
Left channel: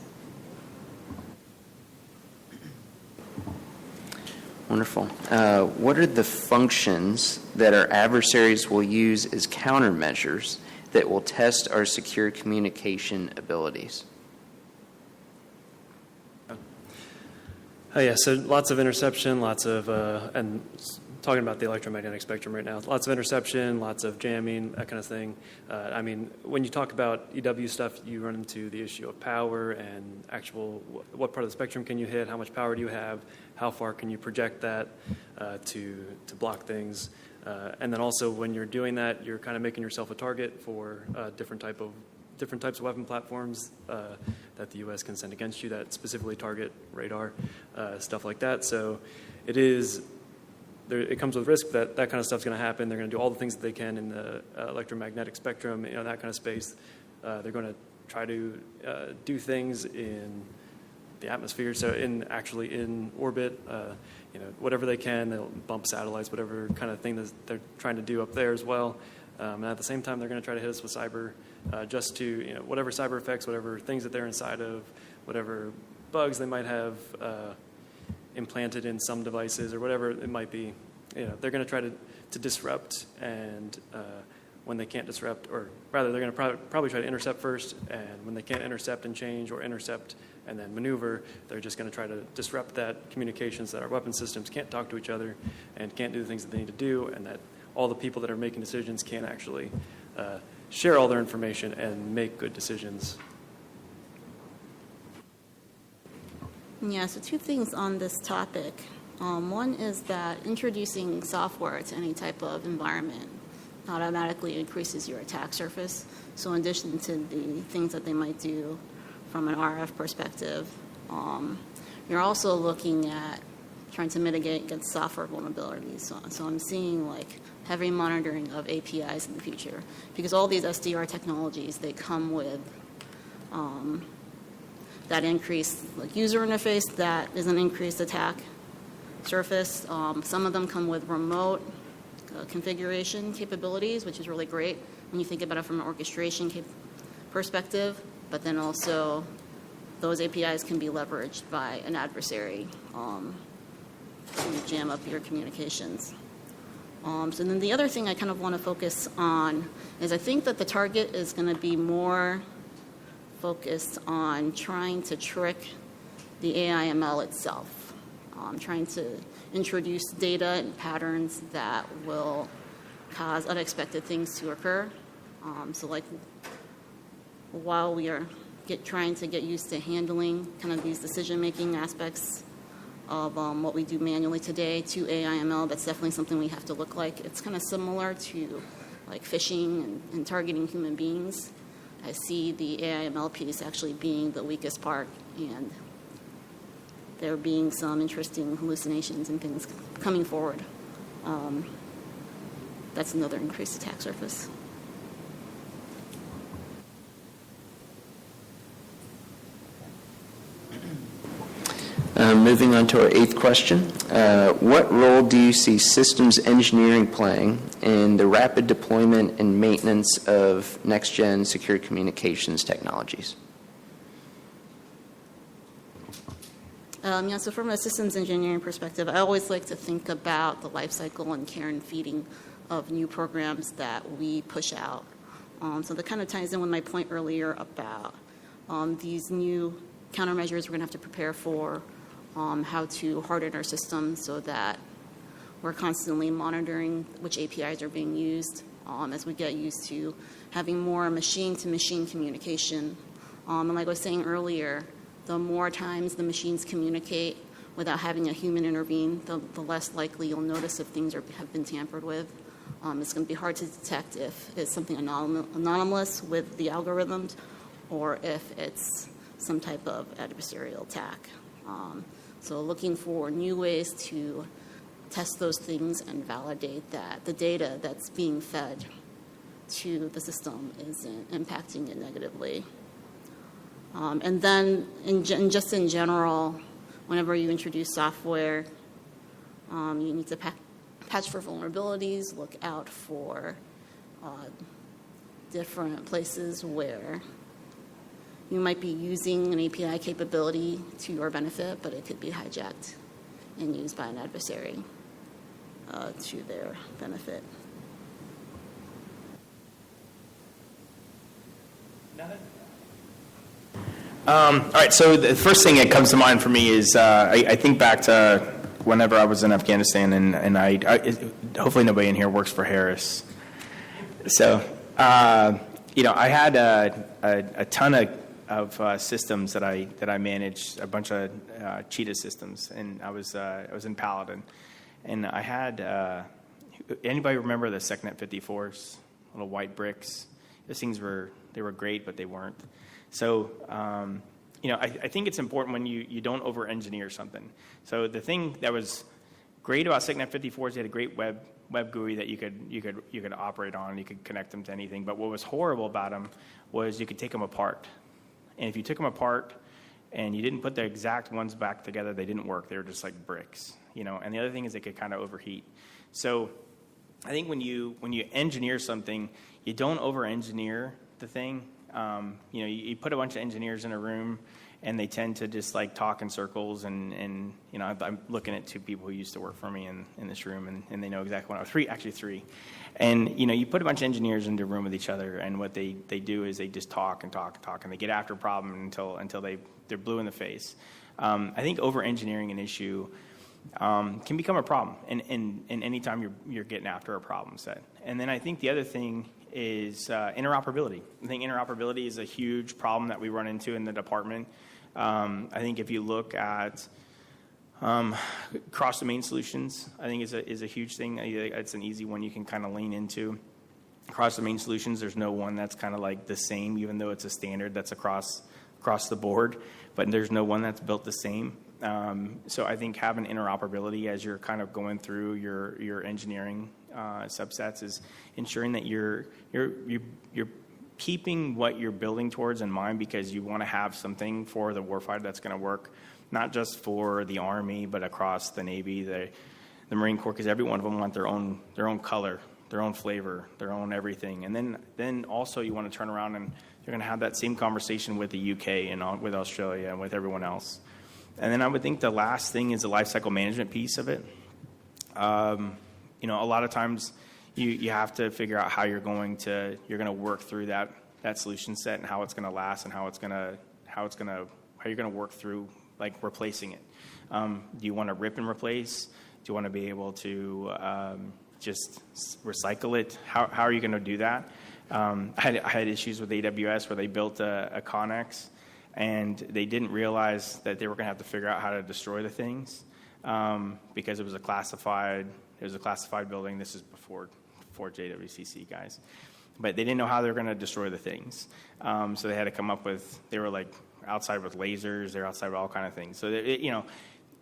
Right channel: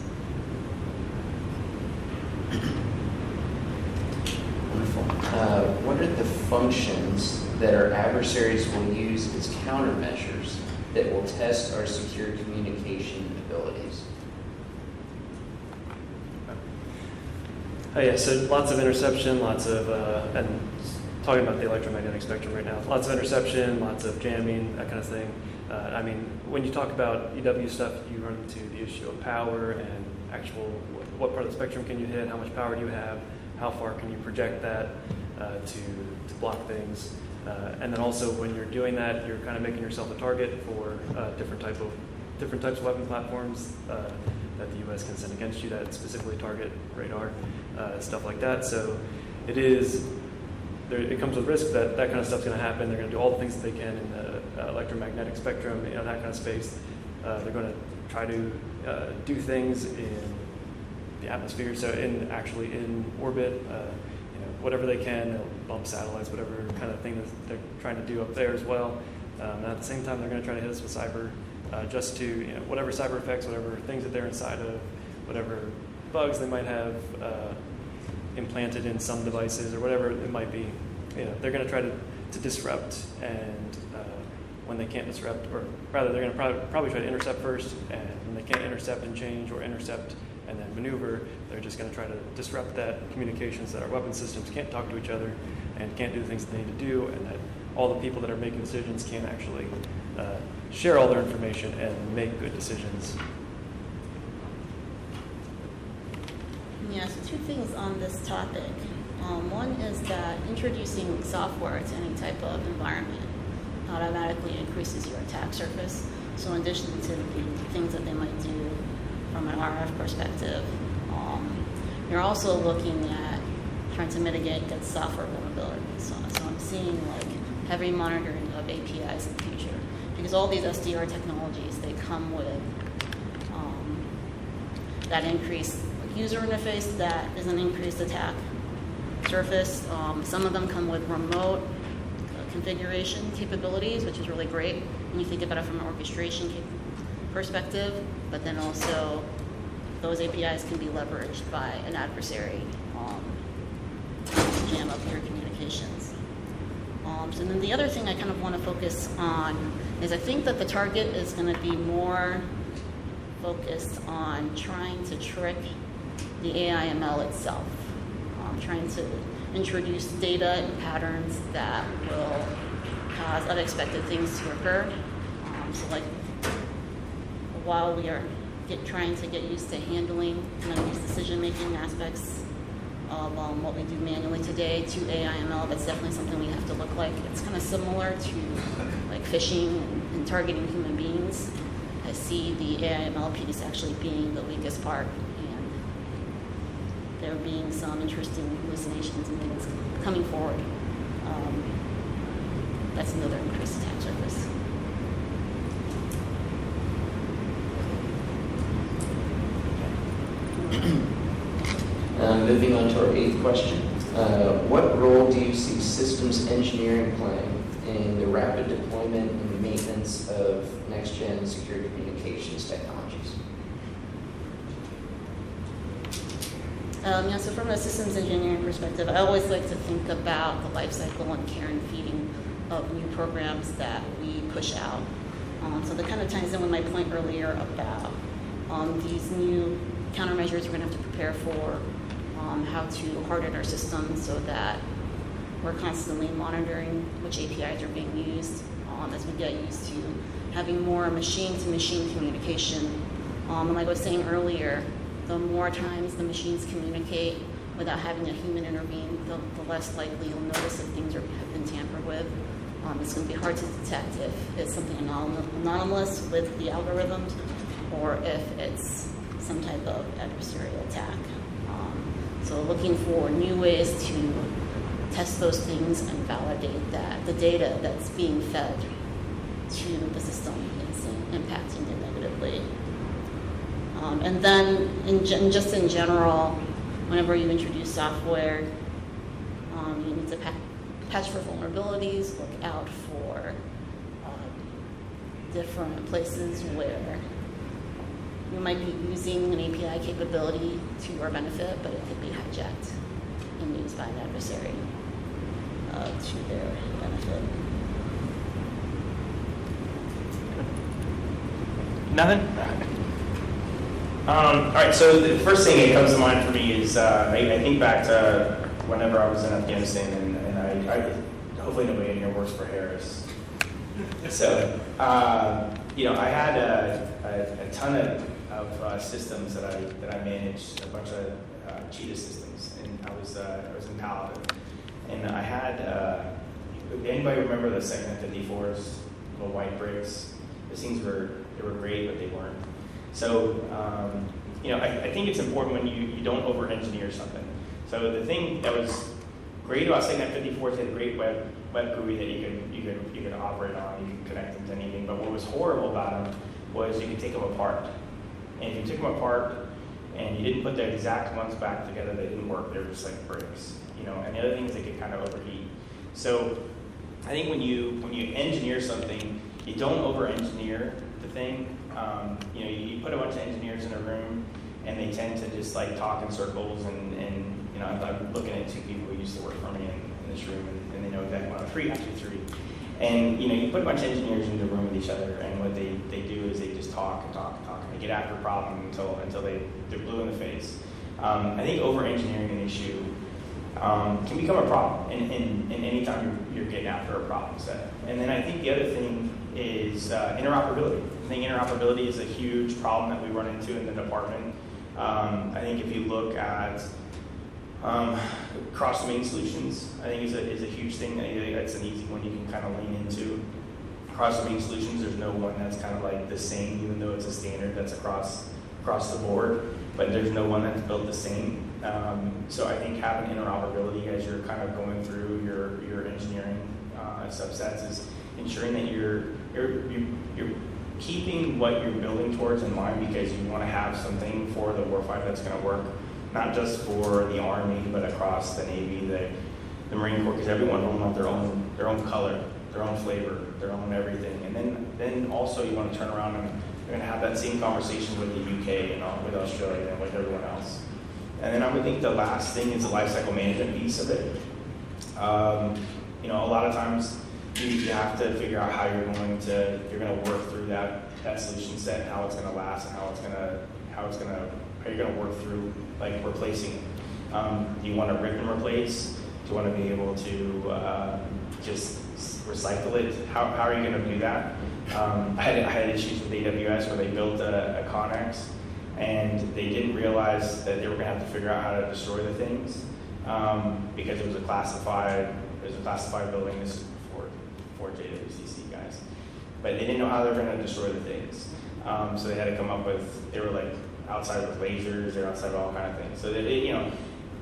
Wonderful. What are the functions that our adversaries will use as countermeasures that will test our secure communication abilities? Yeah, so lots of interception, lots of, and talking about the electromagnetic spectrum right now, lots of interception, lots of jamming, that kind of thing. I mean, when you talk about EW stuff, you run into the issue of power and actual, what part of the spectrum can you hit, how much power do you have, how far can you project that to block things. And then also when you're doing that, you're kind of making yourself a target for different types of weapon platforms that the U.S. can send against you that specifically target radar, stuff like that. So it comes with risk that kind of stuff's going to happen. They're going to do all the things that they can in the electromagnetic spectrum, that kind of space. They're going to try to do things in the atmosphere, so actually in orbit, whatever they can. They'll bump satellites, whatever kind of thing that they're trying to do up there as well. And at the same time, they're going to try to hit us with cyber, just to whatever cyber effects, whatever things that they're inside of, whatever bugs they might have implanted in some devices or whatever it might be. They're going to try to disrupt, and when they can't disrupt, or rather, they're going to probably try to intercept first, and when they can't intercept and change, or intercept and then maneuver, they're just going to try to disrupt that communications, that our weapon systems can't talk to each other and can't do the things that they need to do, and that all the people that are making decisions can't actually share all their information and make good decisions. Yeah, so two things on this topic. One is that introducing software to any type of environment automatically increases your attack surface. So in addition to the things that they might do from an RF perspective, you're also looking at trying to mitigate against software vulnerabilities. So I'm seeing like heavy monitoring of APIs in the future, because all these SDR technologies, they come with that increased user interface that is an increased attack surface. Some of them come with remote configuration capabilities, which is really great when you think about it from an orchestration perspective, but then also those APIs can be leveraged by an adversary to jam up your communications. So then the other thing I kind of want to focus on is I think that the target is going to be more focused on trying to trick the AIML itself, trying to introduce data and patterns that will cause unexpected things to occur. So like while we are trying to get used to handling kind of these decision-making aspects of what we do manually today to AIML, that's definitely something we have to look like. It's kind of similar to like phishing and targeting human beings. I see the AIML piece actually being the weakest part, and there being some interesting hallucinations and things coming forward. That's another increased attack surface. Moving on to our 8th question. What role do you see systems engineering playing in the rapid deployment and maintenance of next-gen secure communications technologies? So from a systems engineering perspective, I always like to think about the life cycle and care and feeding of new programs that we push out. So that kind of ties in with my point earlier about these new countermeasures we're going to have to prepare for, how to harden our system so that we're constantly monitoring which APIs are being used as we get used to having more machine-to-machine communication. And like I was saying earlier, the more times the machines communicate without having a human intervene, the less likely you'll notice if things have been tampered with. It's going to be hard to detect if it's something anonymous with the algorithms or if it's some type of adversarial attack. So looking for new ways to test those things and validate that the data that's being fed to the system is impacting it negatively. And then just in general, whenever you introduce software, you need to patch for vulnerabilities, look out for different places where you might be using an API capability to your benefit, but it could be hijacked and used by an adversary to their benefit. Nothing? All right, so the first thing that comes to mind for me is I think back to whenever I was in Afghanistan, and I hopefully nobody in here works for Harris. So, I had a ton of systems that I managed, a bunch of Cheetah systems, and I was in Paladin, and I had anybody remember the TechNet 54s, little white bricks? Those things were great, but they weren't. So, I think it's important when you don't over-engineer something. So the thing that was great about TechNet 54 is they had a great web GUI that you could operate on. You could connect them to anything. But what was horrible about them was you could take them apart. And if you took them apart and you didn't put the exact ones back together, they didn't work. They were just like bricks, And the other thing is they could kind of overheat. So I think when you engineer something, you don't over-engineer the thing. You put a bunch of engineers in a room, and they tend to just like talk in circles. And I'm looking at two people who used to work for me in this room, and they know exactly what I'm three. And you put a bunch of engineers into a room with each other, and what they do is they just talk and talk and talk, and they get after problems until they're blue in the face. I think over-engineering an issue can become a problem, and anytime you're getting after a problem set. And then I think the other thing is interoperability. I think interoperability is a huge problem that we run into in the department. I think if you look at cross-domain solutions, I think is a huge thing. It's an easy one you can kind of lean into. Cross-domain solutions, there's no one that's kind of like the same, even though it's a standard that's across the board, but there's no one that's built the same. So I think having interoperability as you're kind of going through your engineering subsets is ensuring that you're keeping what you're building towards in mind, because you want to have something for the warfighter that's going to work, not just for the Army, but across the Navy, the Marine Corps, because every one of them want their own color, their own flavor, their own everything. And then also you want to turn around and you're going to have that same conversation with the UK and with Australia and with everyone else. And then I would think the last thing is the lifecycle management piece of it. A lot of times you have to figure out how you're going to work through that solution set and how it's going to last and how you're going to work through like replacing it. Do you want to rip and replace? Do you want to be able to just recycle it? How are you going to do that? I had issues with AWS where they built a Connex and they didn't realize that they were going to have to figure out how to destroy the things because it was a classified building. This is before JWCC guys, but they didn't know how they were going to destroy the things. So they had to come up with. They were like outside with lasers. They're outside with all kind of things. So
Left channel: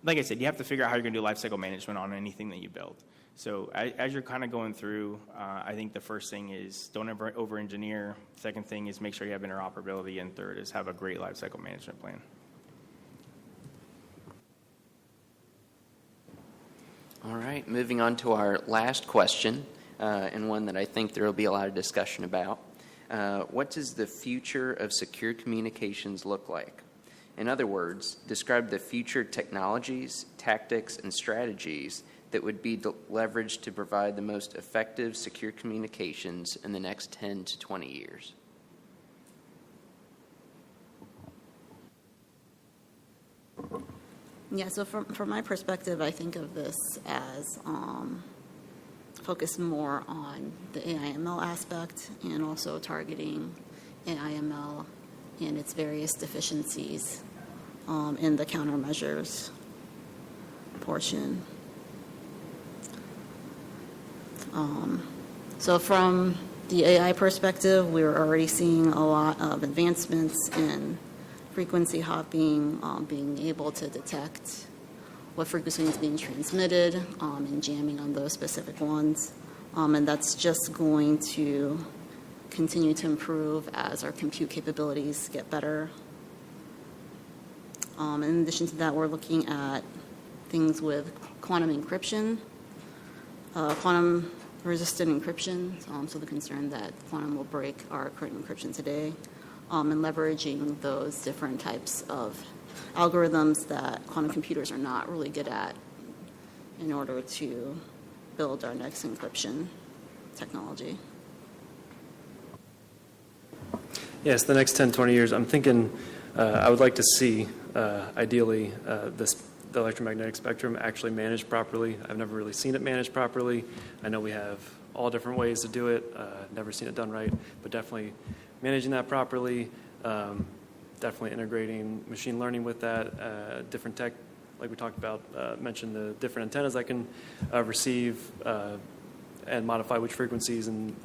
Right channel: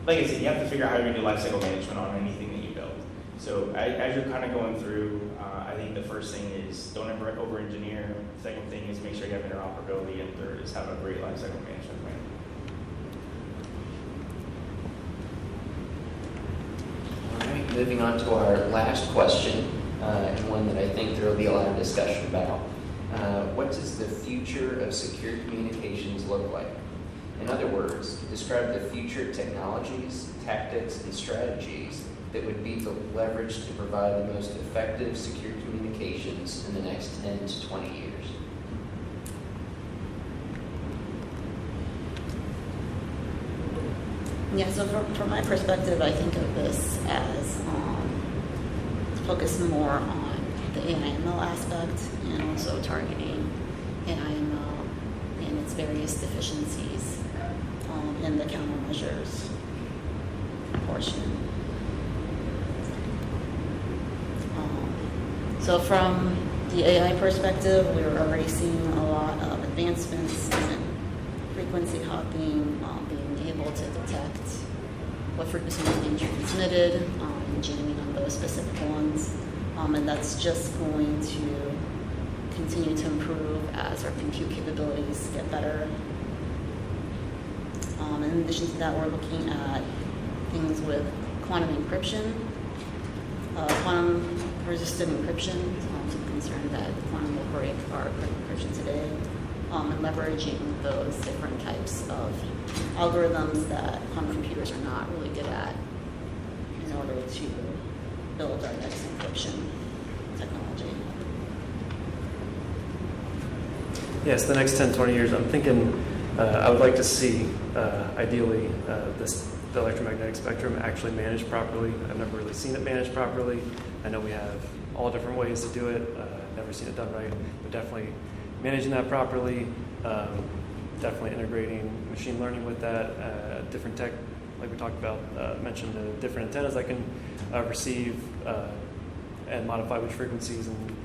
like I said, you have to figure out how you're going to do lifecycle management on anything that you build. So as you're kind of going through, I think the first thing is don't ever over-engineer. Second thing is make sure you have interoperability. And third is have a great lifecycle management plan. All right, moving on to our last question, and one that I think there will be a lot of discussion about. What does the future of secure communications look like? In other words, describe the future technologies, tactics, and strategies that would be leveraged to provide the most effective secure communications in the next 10 to 20 years. Yeah, so from my perspective, I think of this as focused more on the AI/ML aspect and also targeting AI/ML and its various deficiencies in the countermeasures portion. So from the AI perspective, we were already seeing a lot of advancements in frequency hopping, being able to detect what frequency is being transmitted and jamming on those specific ones. And that's just going to continue to improve as our compute capabilities get better. In addition to that, we're looking at things with quantum encryption, quantum resistant encryption, so the concern that quantum will break our current encryption today, and leveraging those different types of algorithms that quantum computers are not really good at in order to build our next encryption technology. Yes, the next 10, 20 years, I'm thinking I would like to see, ideally, the electromagnetic spectrum actually managed properly. I've never really seen it managed properly. I know we have all different ways to do it. Never seen it done right, but definitely managing that properly, definitely integrating machine learning with that, different tech, like we talked about, mentioned the different antennas I can receive and modify which frequencies and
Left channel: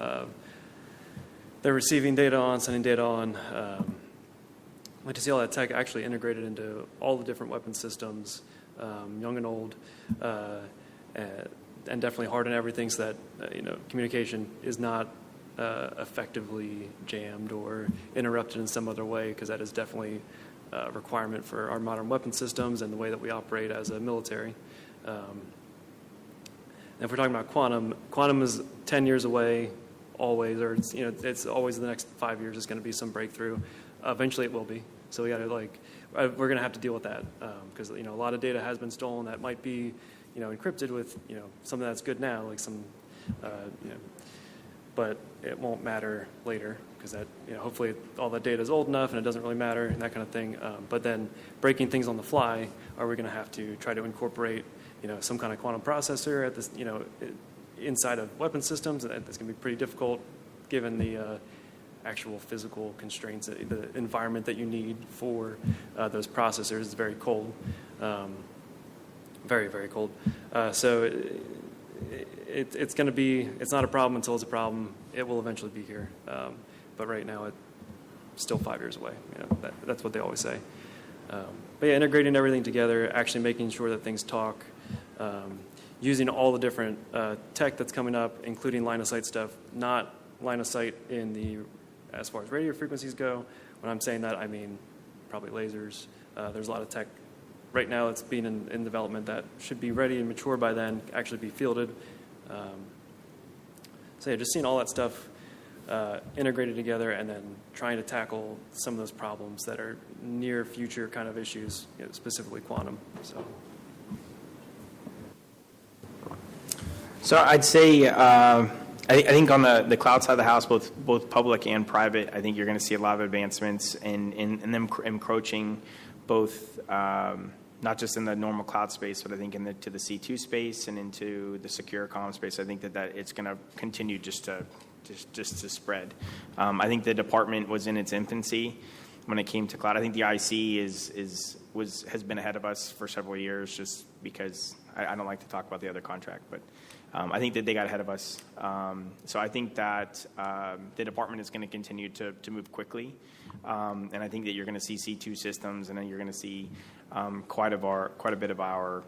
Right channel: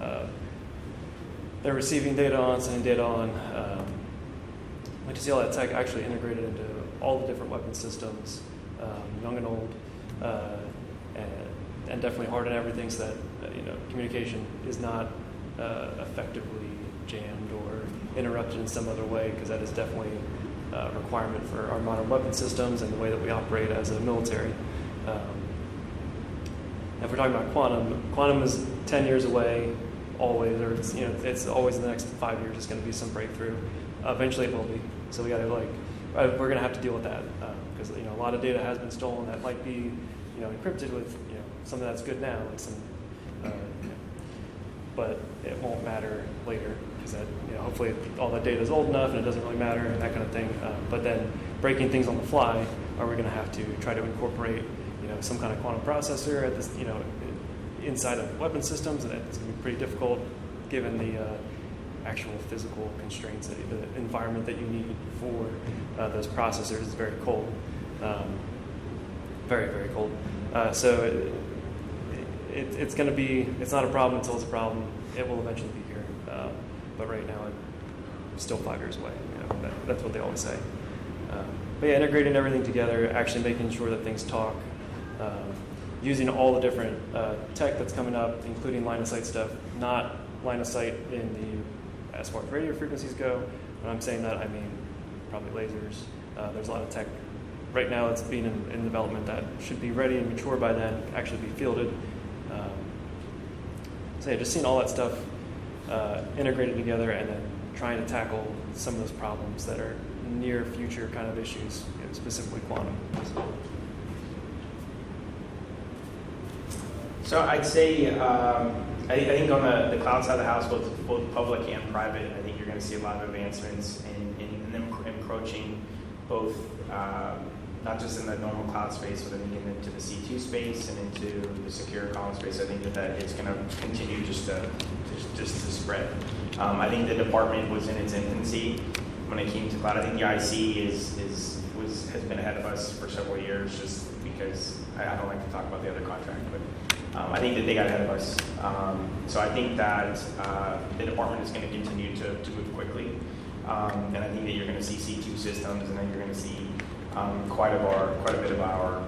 they're receiving data on, sending data on. I'd like to see all that tech actually integrated into all the different weapon systems, young and old, and definitely harden everything so that communication is not effectively jammed or interrupted in some other way, because that is definitely a requirement for our modern weapon systems and the way that we operate as a military. And if we're talking about quantum is 10 years away, always, or it's always the next 5 years. It's going to be some breakthrough. Eventually, it will be. So we got to we're going to have to deal with that because a lot of data has been stolen that might be encrypted with something that's good now, like some, but it won't matter later because that hopefully all that data is old enough and it doesn't really matter and that kind of thing. But then breaking things on the fly, are we going to have to try to incorporate some kind of quantum processor at this inside of weapon systems, and it's going to be pretty difficult given the actual physical constraints, the environment that you need for those processors is very cold, very, very cold. So it's going to be, it's not a problem until it's a problem. It will eventually be here. But right now, it's still 5 years away. That's what they always say. But yeah, integrating everything together, actually making sure that things talk, using all the different tech that's coming up, including line of sight stuff, not line of sight as far as radio frequencies go. When I'm saying that, I mean probably lasers. There's a lot of tech right now that's being in development that should be ready and mature by then, actually be fielded. So yeah, just seeing all that stuff integrated together and then trying to tackle some of those problems that are near future kind of issues, specifically quantum. So I'd say, I think on the cloud side of the house, both public and private, I think you're going to see a lot of advancements in them encroaching both, not just in the normal cloud space, but I think into the C2 space and into the secure comm space. I think that it's going to continue just to spread. I think the department was in its infancy when it came to cloud. I think the IC has been ahead of us for several years, just because I don't like to talk about the other contract, but I think that they got ahead of us. So I think that the department is going to continue to move quickly, and I think that you're going to see C2 systems, and then you're going to see quite a bit of our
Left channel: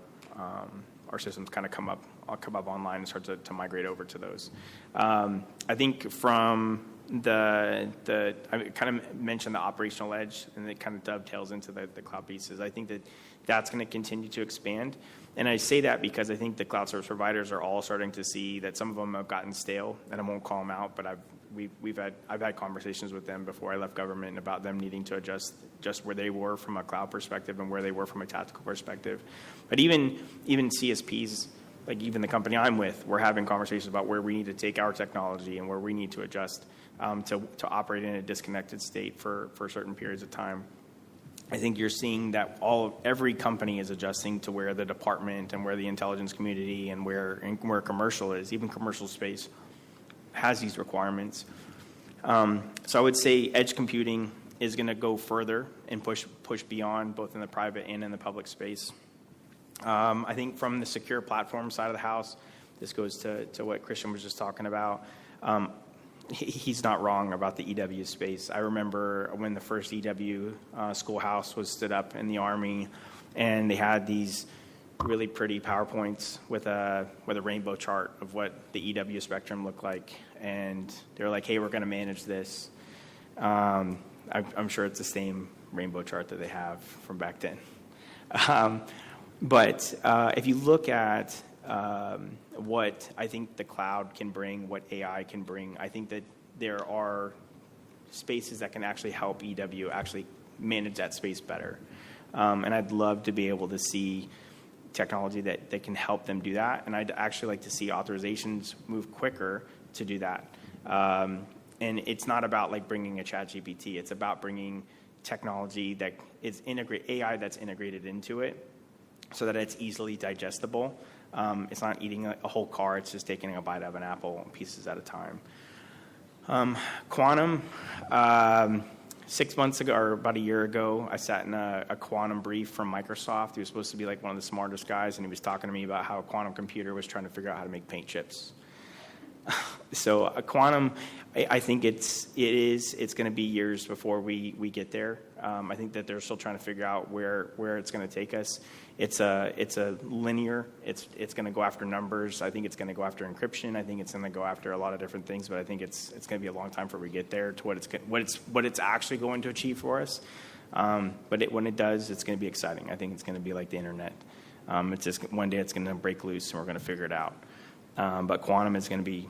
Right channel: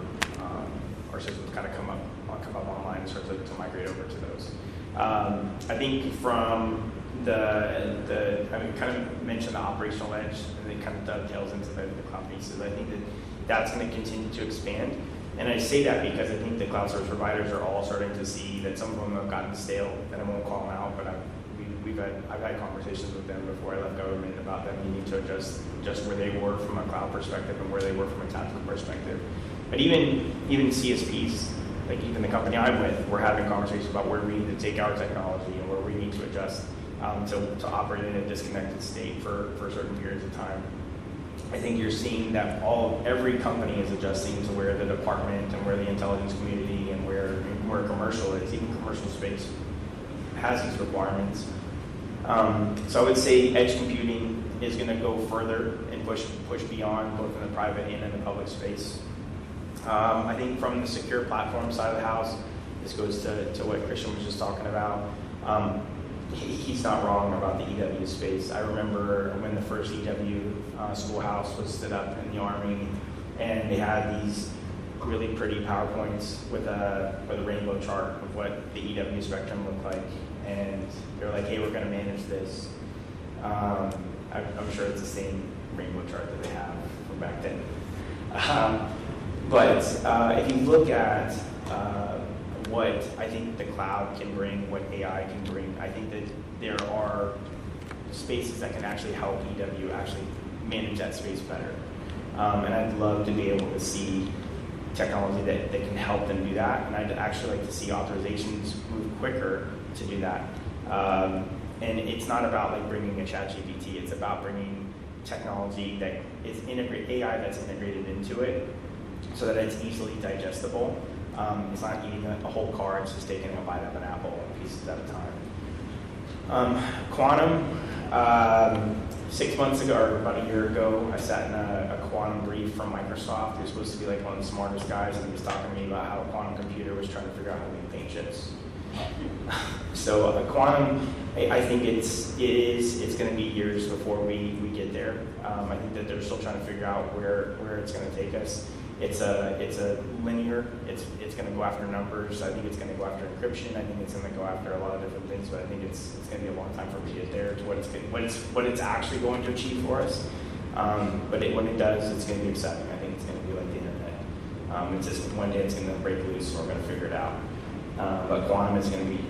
systems kind of come up online and start to migrate over to those. I think from I kind of mentioned the operational edge, and it kind of dovetails into the cloud pieces. I think that's going to continue to expand. And I say that because I think the cloud service providers are all starting to see that some of them have gotten stale, and I won't call them out, but I've had conversations with them before I left government about them needing to adjust just where they were from a cloud perspective and where they were from a tactical perspective. But even CSPs, like even the company I'm with, we're having conversations about where we need to take our technology and where we need to adjust to operate in a disconnected state for certain periods of time. I think you're seeing that every company is adjusting to where the department and where the intelligence community and where commercial is, even commercial space has these requirements. So I would say edge computing is going to go further and push beyond both in the private and in the public space. I think from the secure platform side of the house, this goes to what Christian was just talking about. He's not wrong about the EW space. I remember when the first EW schoolhouse was stood up in the Army, and they had these really pretty PowerPoints with a rainbow chart of what the EW spectrum looked like, and they're like, "Hey, we're going to manage this." I'm sure it's the same rainbow chart that they have from back then. But if you look at what I think the cloud can bring, what AI can bring, I think that there are spaces that can actually help EW actually manage that space better. And I'd love to be able to see technology that can help them do that. And I'd actually like to see authorizations move quicker to do that. And it's not about like bringing a ChatGPT, it's about bringing technology that is AI that's integrated into it so that it's easily digestible. It's not eating a whole car, it's just taking a bite of an apple pieces at a time. Quantum, 6 months ago, or about a year ago, I sat in a quantum brief from Microsoft. He was supposed to be like one of the smartest guys, and he was talking to me about how a quantum computer was trying to figure out how to make paint chips. So a quantum, I think it's going to be years before we get there. I think that they're still trying to figure out where it's going to take us. It's a linear. It's going to go after numbers. I think it's going to go after encryption. I think it's going to go after a lot of different things. But I think it's going to be a long time before we get there to what it's actually going to achieve for us. But when it does, it's going to be exciting. I think it's going to be like the internet. It's just one day it's going to break loose and we're going to figure it out. But quantum is going to be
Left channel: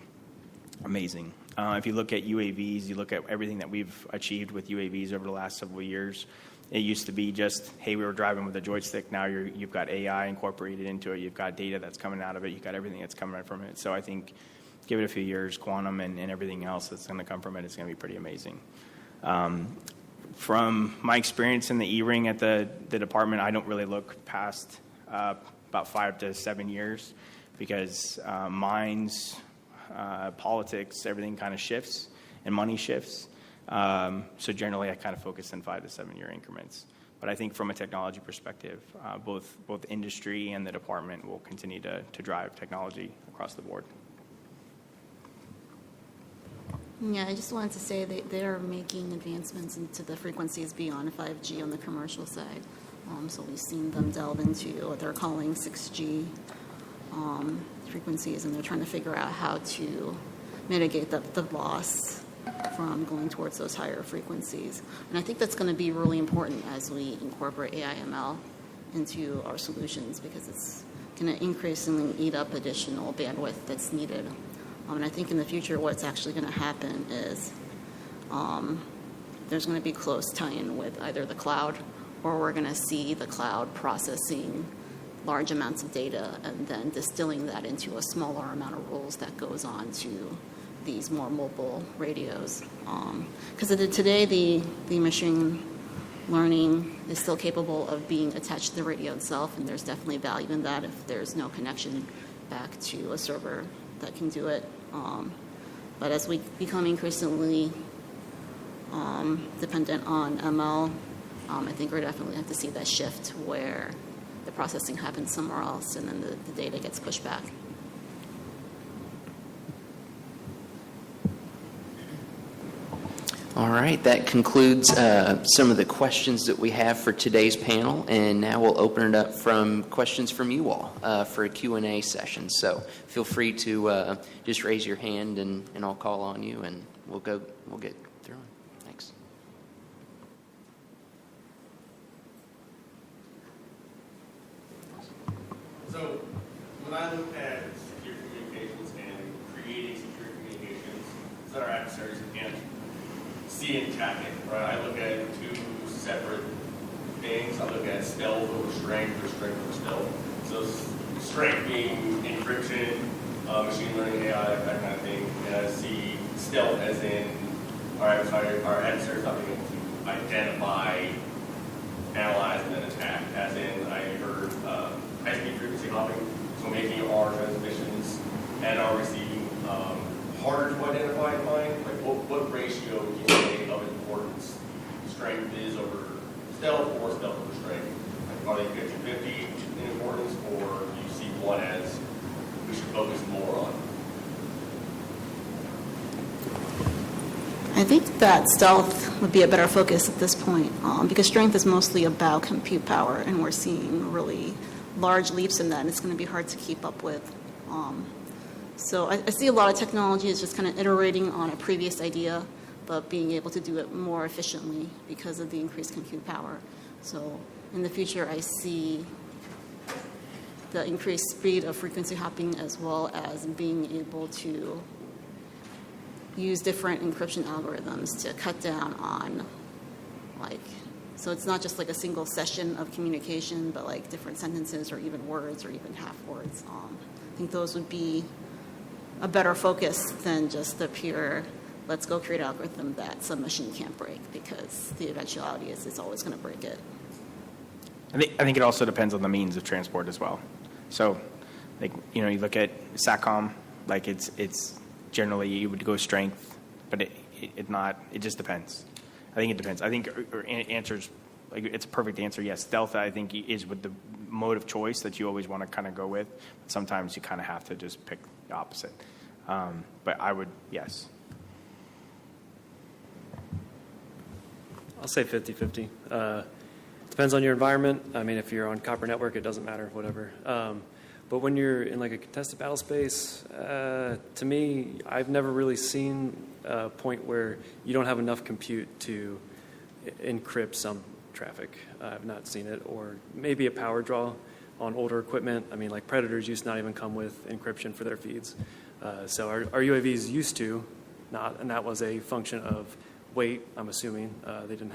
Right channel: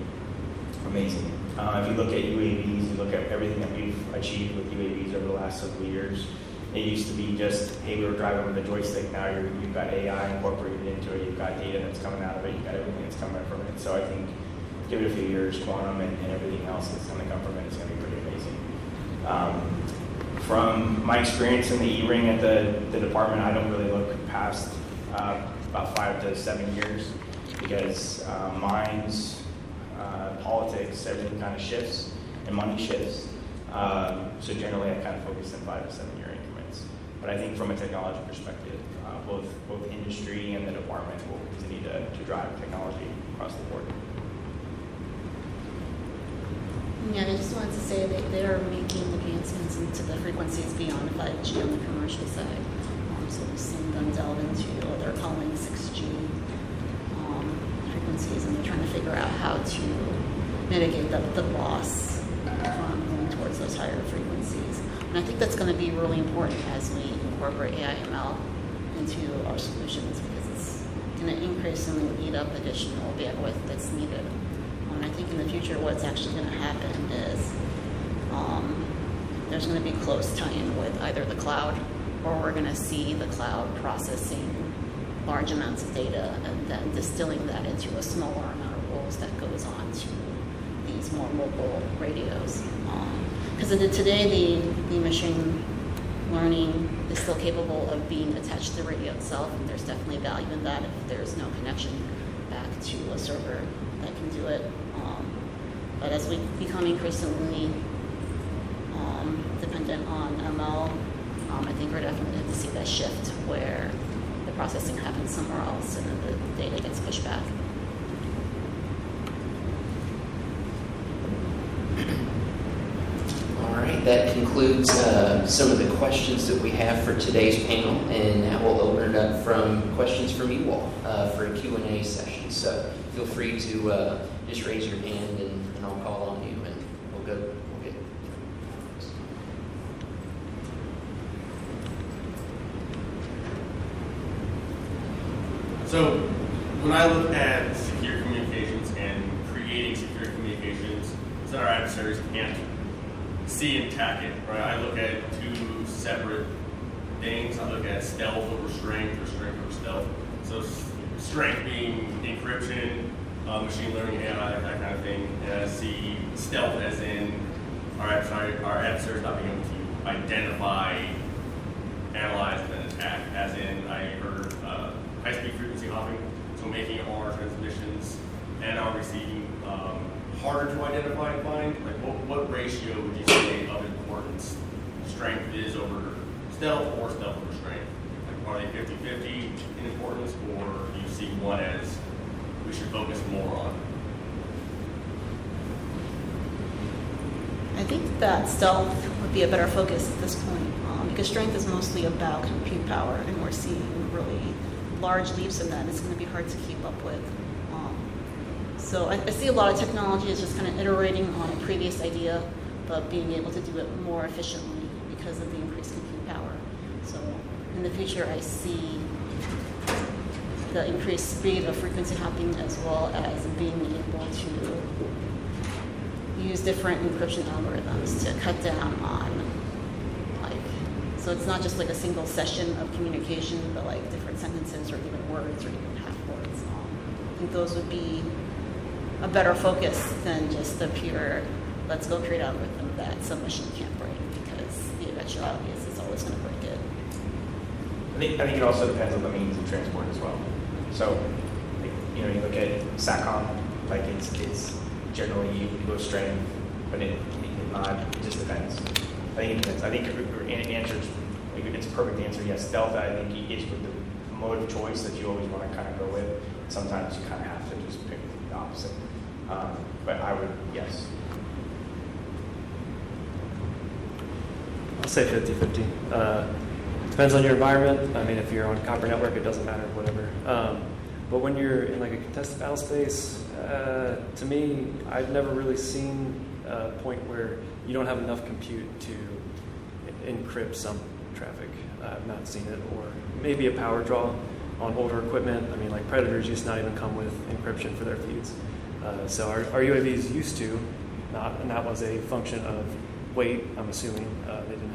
amazing. If you look at UAVs, you look at everything that we've achieved with UAVs over the last several years. It used to be just, hey, we were driving with a joystick. Now you've got AI incorporated into it. You've got data that's coming out of it. You've got everything that's coming from it. So I think give it a few years, quantum and everything else that's going to come from it is going to be pretty amazing. From my experience in the E-ring at the department, I don't really look past about 5 to 7 years because minds, politics, everything kind of shifts and money shifts. So generally I kind of focus in 5 to 7 year increments. But I think from a technology perspective, both industry and the department will continue to drive technology across the board. Yeah, I just wanted to say that they are making advancements into the frequencies beyond 5G on the commercial side. So we've seen them delve into what they're calling 6G frequencies, and they're trying to figure out how to mitigate the loss from going towards those higher frequencies. And I think that's going to be really important as we incorporate AI/ML into our solutions, because it's going to increasingly eat up additional bandwidth that's needed. And I think in the future what's actually going to happen is there's going to be close tie-in with either the cloud, or we're going to see the cloud processing large amounts of data and then distilling that into a smaller amount of rules that goes on to these more mobile radios. Because today the machine learning is still capable of being attached to the radio itself, and there's definitely value in that if there's no connection back to a server that can do it. But as we become increasingly dependent on ML, I think we're definitely going to see that shift where the processing happens somewhere else and then the data gets pushed back. All right, that concludes some of the questions that we have for today's panel, and now we'll open it up from questions from you all for a Q&A session. So feel free to just raise your hand and I'll call on you, and we'll get through. Thanks. So when I look at secure communications and creating secure communications so that our adversaries can't see and attack it, right? I look at two separate things. I look at stealth over strength, or strength over stealth. So strength being encryption, machine learning, AI, that kind of thing. And I see stealth as in our adversaries not being able to identify analyze and then attack. As in, I heard high-speed frequency hopping, so making our transmissions and our receiving harder to identify and find. Like, what ratio would you say of importance strength is over stealth or stealth over strength? Like, are they 50-50 in importance, or do you see one as we should focus more on? I think that stealth would be a better focus at this point, because strength is mostly about compute power, and we're seeing really large leaps in that, and it's going to be hard to keep up with. So I see a lot of technology as just kind of iterating on a previous idea, but being able to do it more efficiently because of the increased compute power. So in the future, I see the increased speed of frequency hopping, as well as being able to use different encryption algorithms to cut down on, so it's not just like a single session of communication, but like different sentences or even words or even half words. I think those would be a better focus than just the pure, let's go create an algorithm that some machine can't break, because the eventuality is it's always going to break it. I think it also depends on the means of transport as well. So, like, you look at SATCOM, like it's generally you would go strength, but it just depends. I think it depends. I think answers, like, it's a perfect answer. Yes, stealth, I think, is with the mode of choice that you always want to kind of go with. Sometimes you kind of have to just pick the opposite. But I would, yes. I'll say 50-50. Depends on your environment. I mean, if you're on copper network, it doesn't matter, whatever. But when you're in like a contested battle space, to me, I've never really seen a point where you don't have enough compute to encrypt some traffic. I've not seen it. Or maybe a power draw on older equipment. I mean, like Predators used to not even come with encryption for their feeds. So our UAVs used to not, and that was a function of weight, I'm assuming. They didn't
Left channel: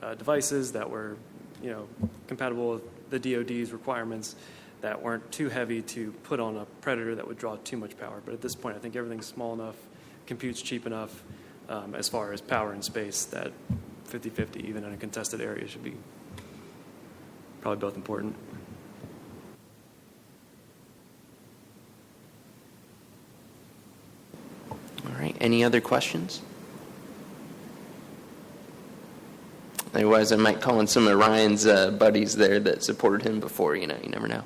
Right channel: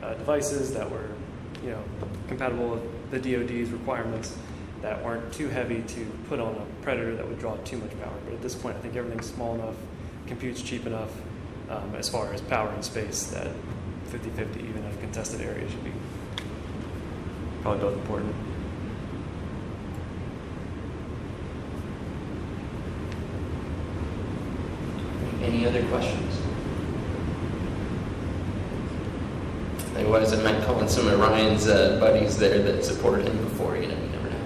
have devices that were, compatible with the DoD's requirements, that weren't too heavy to put on a Predator that would draw too much power. But at this point, I think everything's small enough, compute's cheap enough, as far as power and space, that 50-50, even in a contested area, should be probably both important. All right, any other questions? Otherwise, I might call in some of Ryan's buddies there that supported him before. You never know.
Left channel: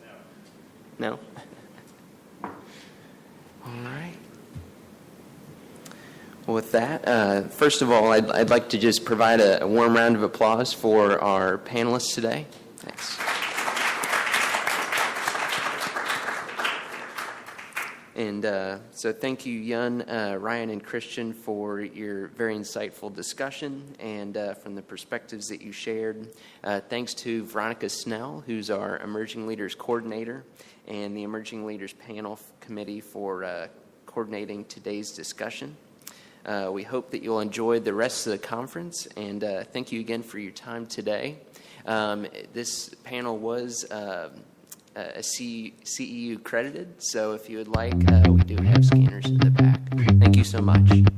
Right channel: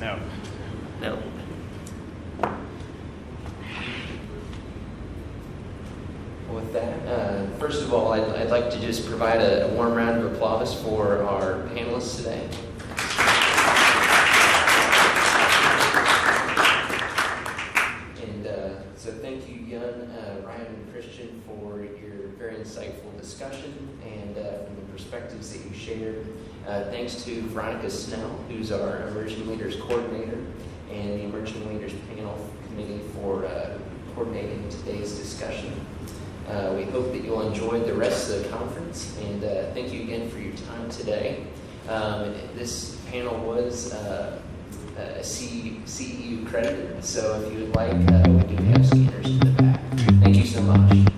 No. No. Well, with that, first of all, I'd like to just provide a warm round of applause for our panelists today. And so thank you, Yun, Ryan, and Christian, for your very insightful discussion and from the perspectives that you shared. Thanks to Veronica Snell, who's our Emerging Leaders Coordinator, and the Emerging Leaders Panel Committee for coordinating today's discussion. We hope that you'll enjoy the rest of the conference, and thank you again for your time today. This panel was CEU credited, so if you would like, we do have scanners in the back. Thank you so much.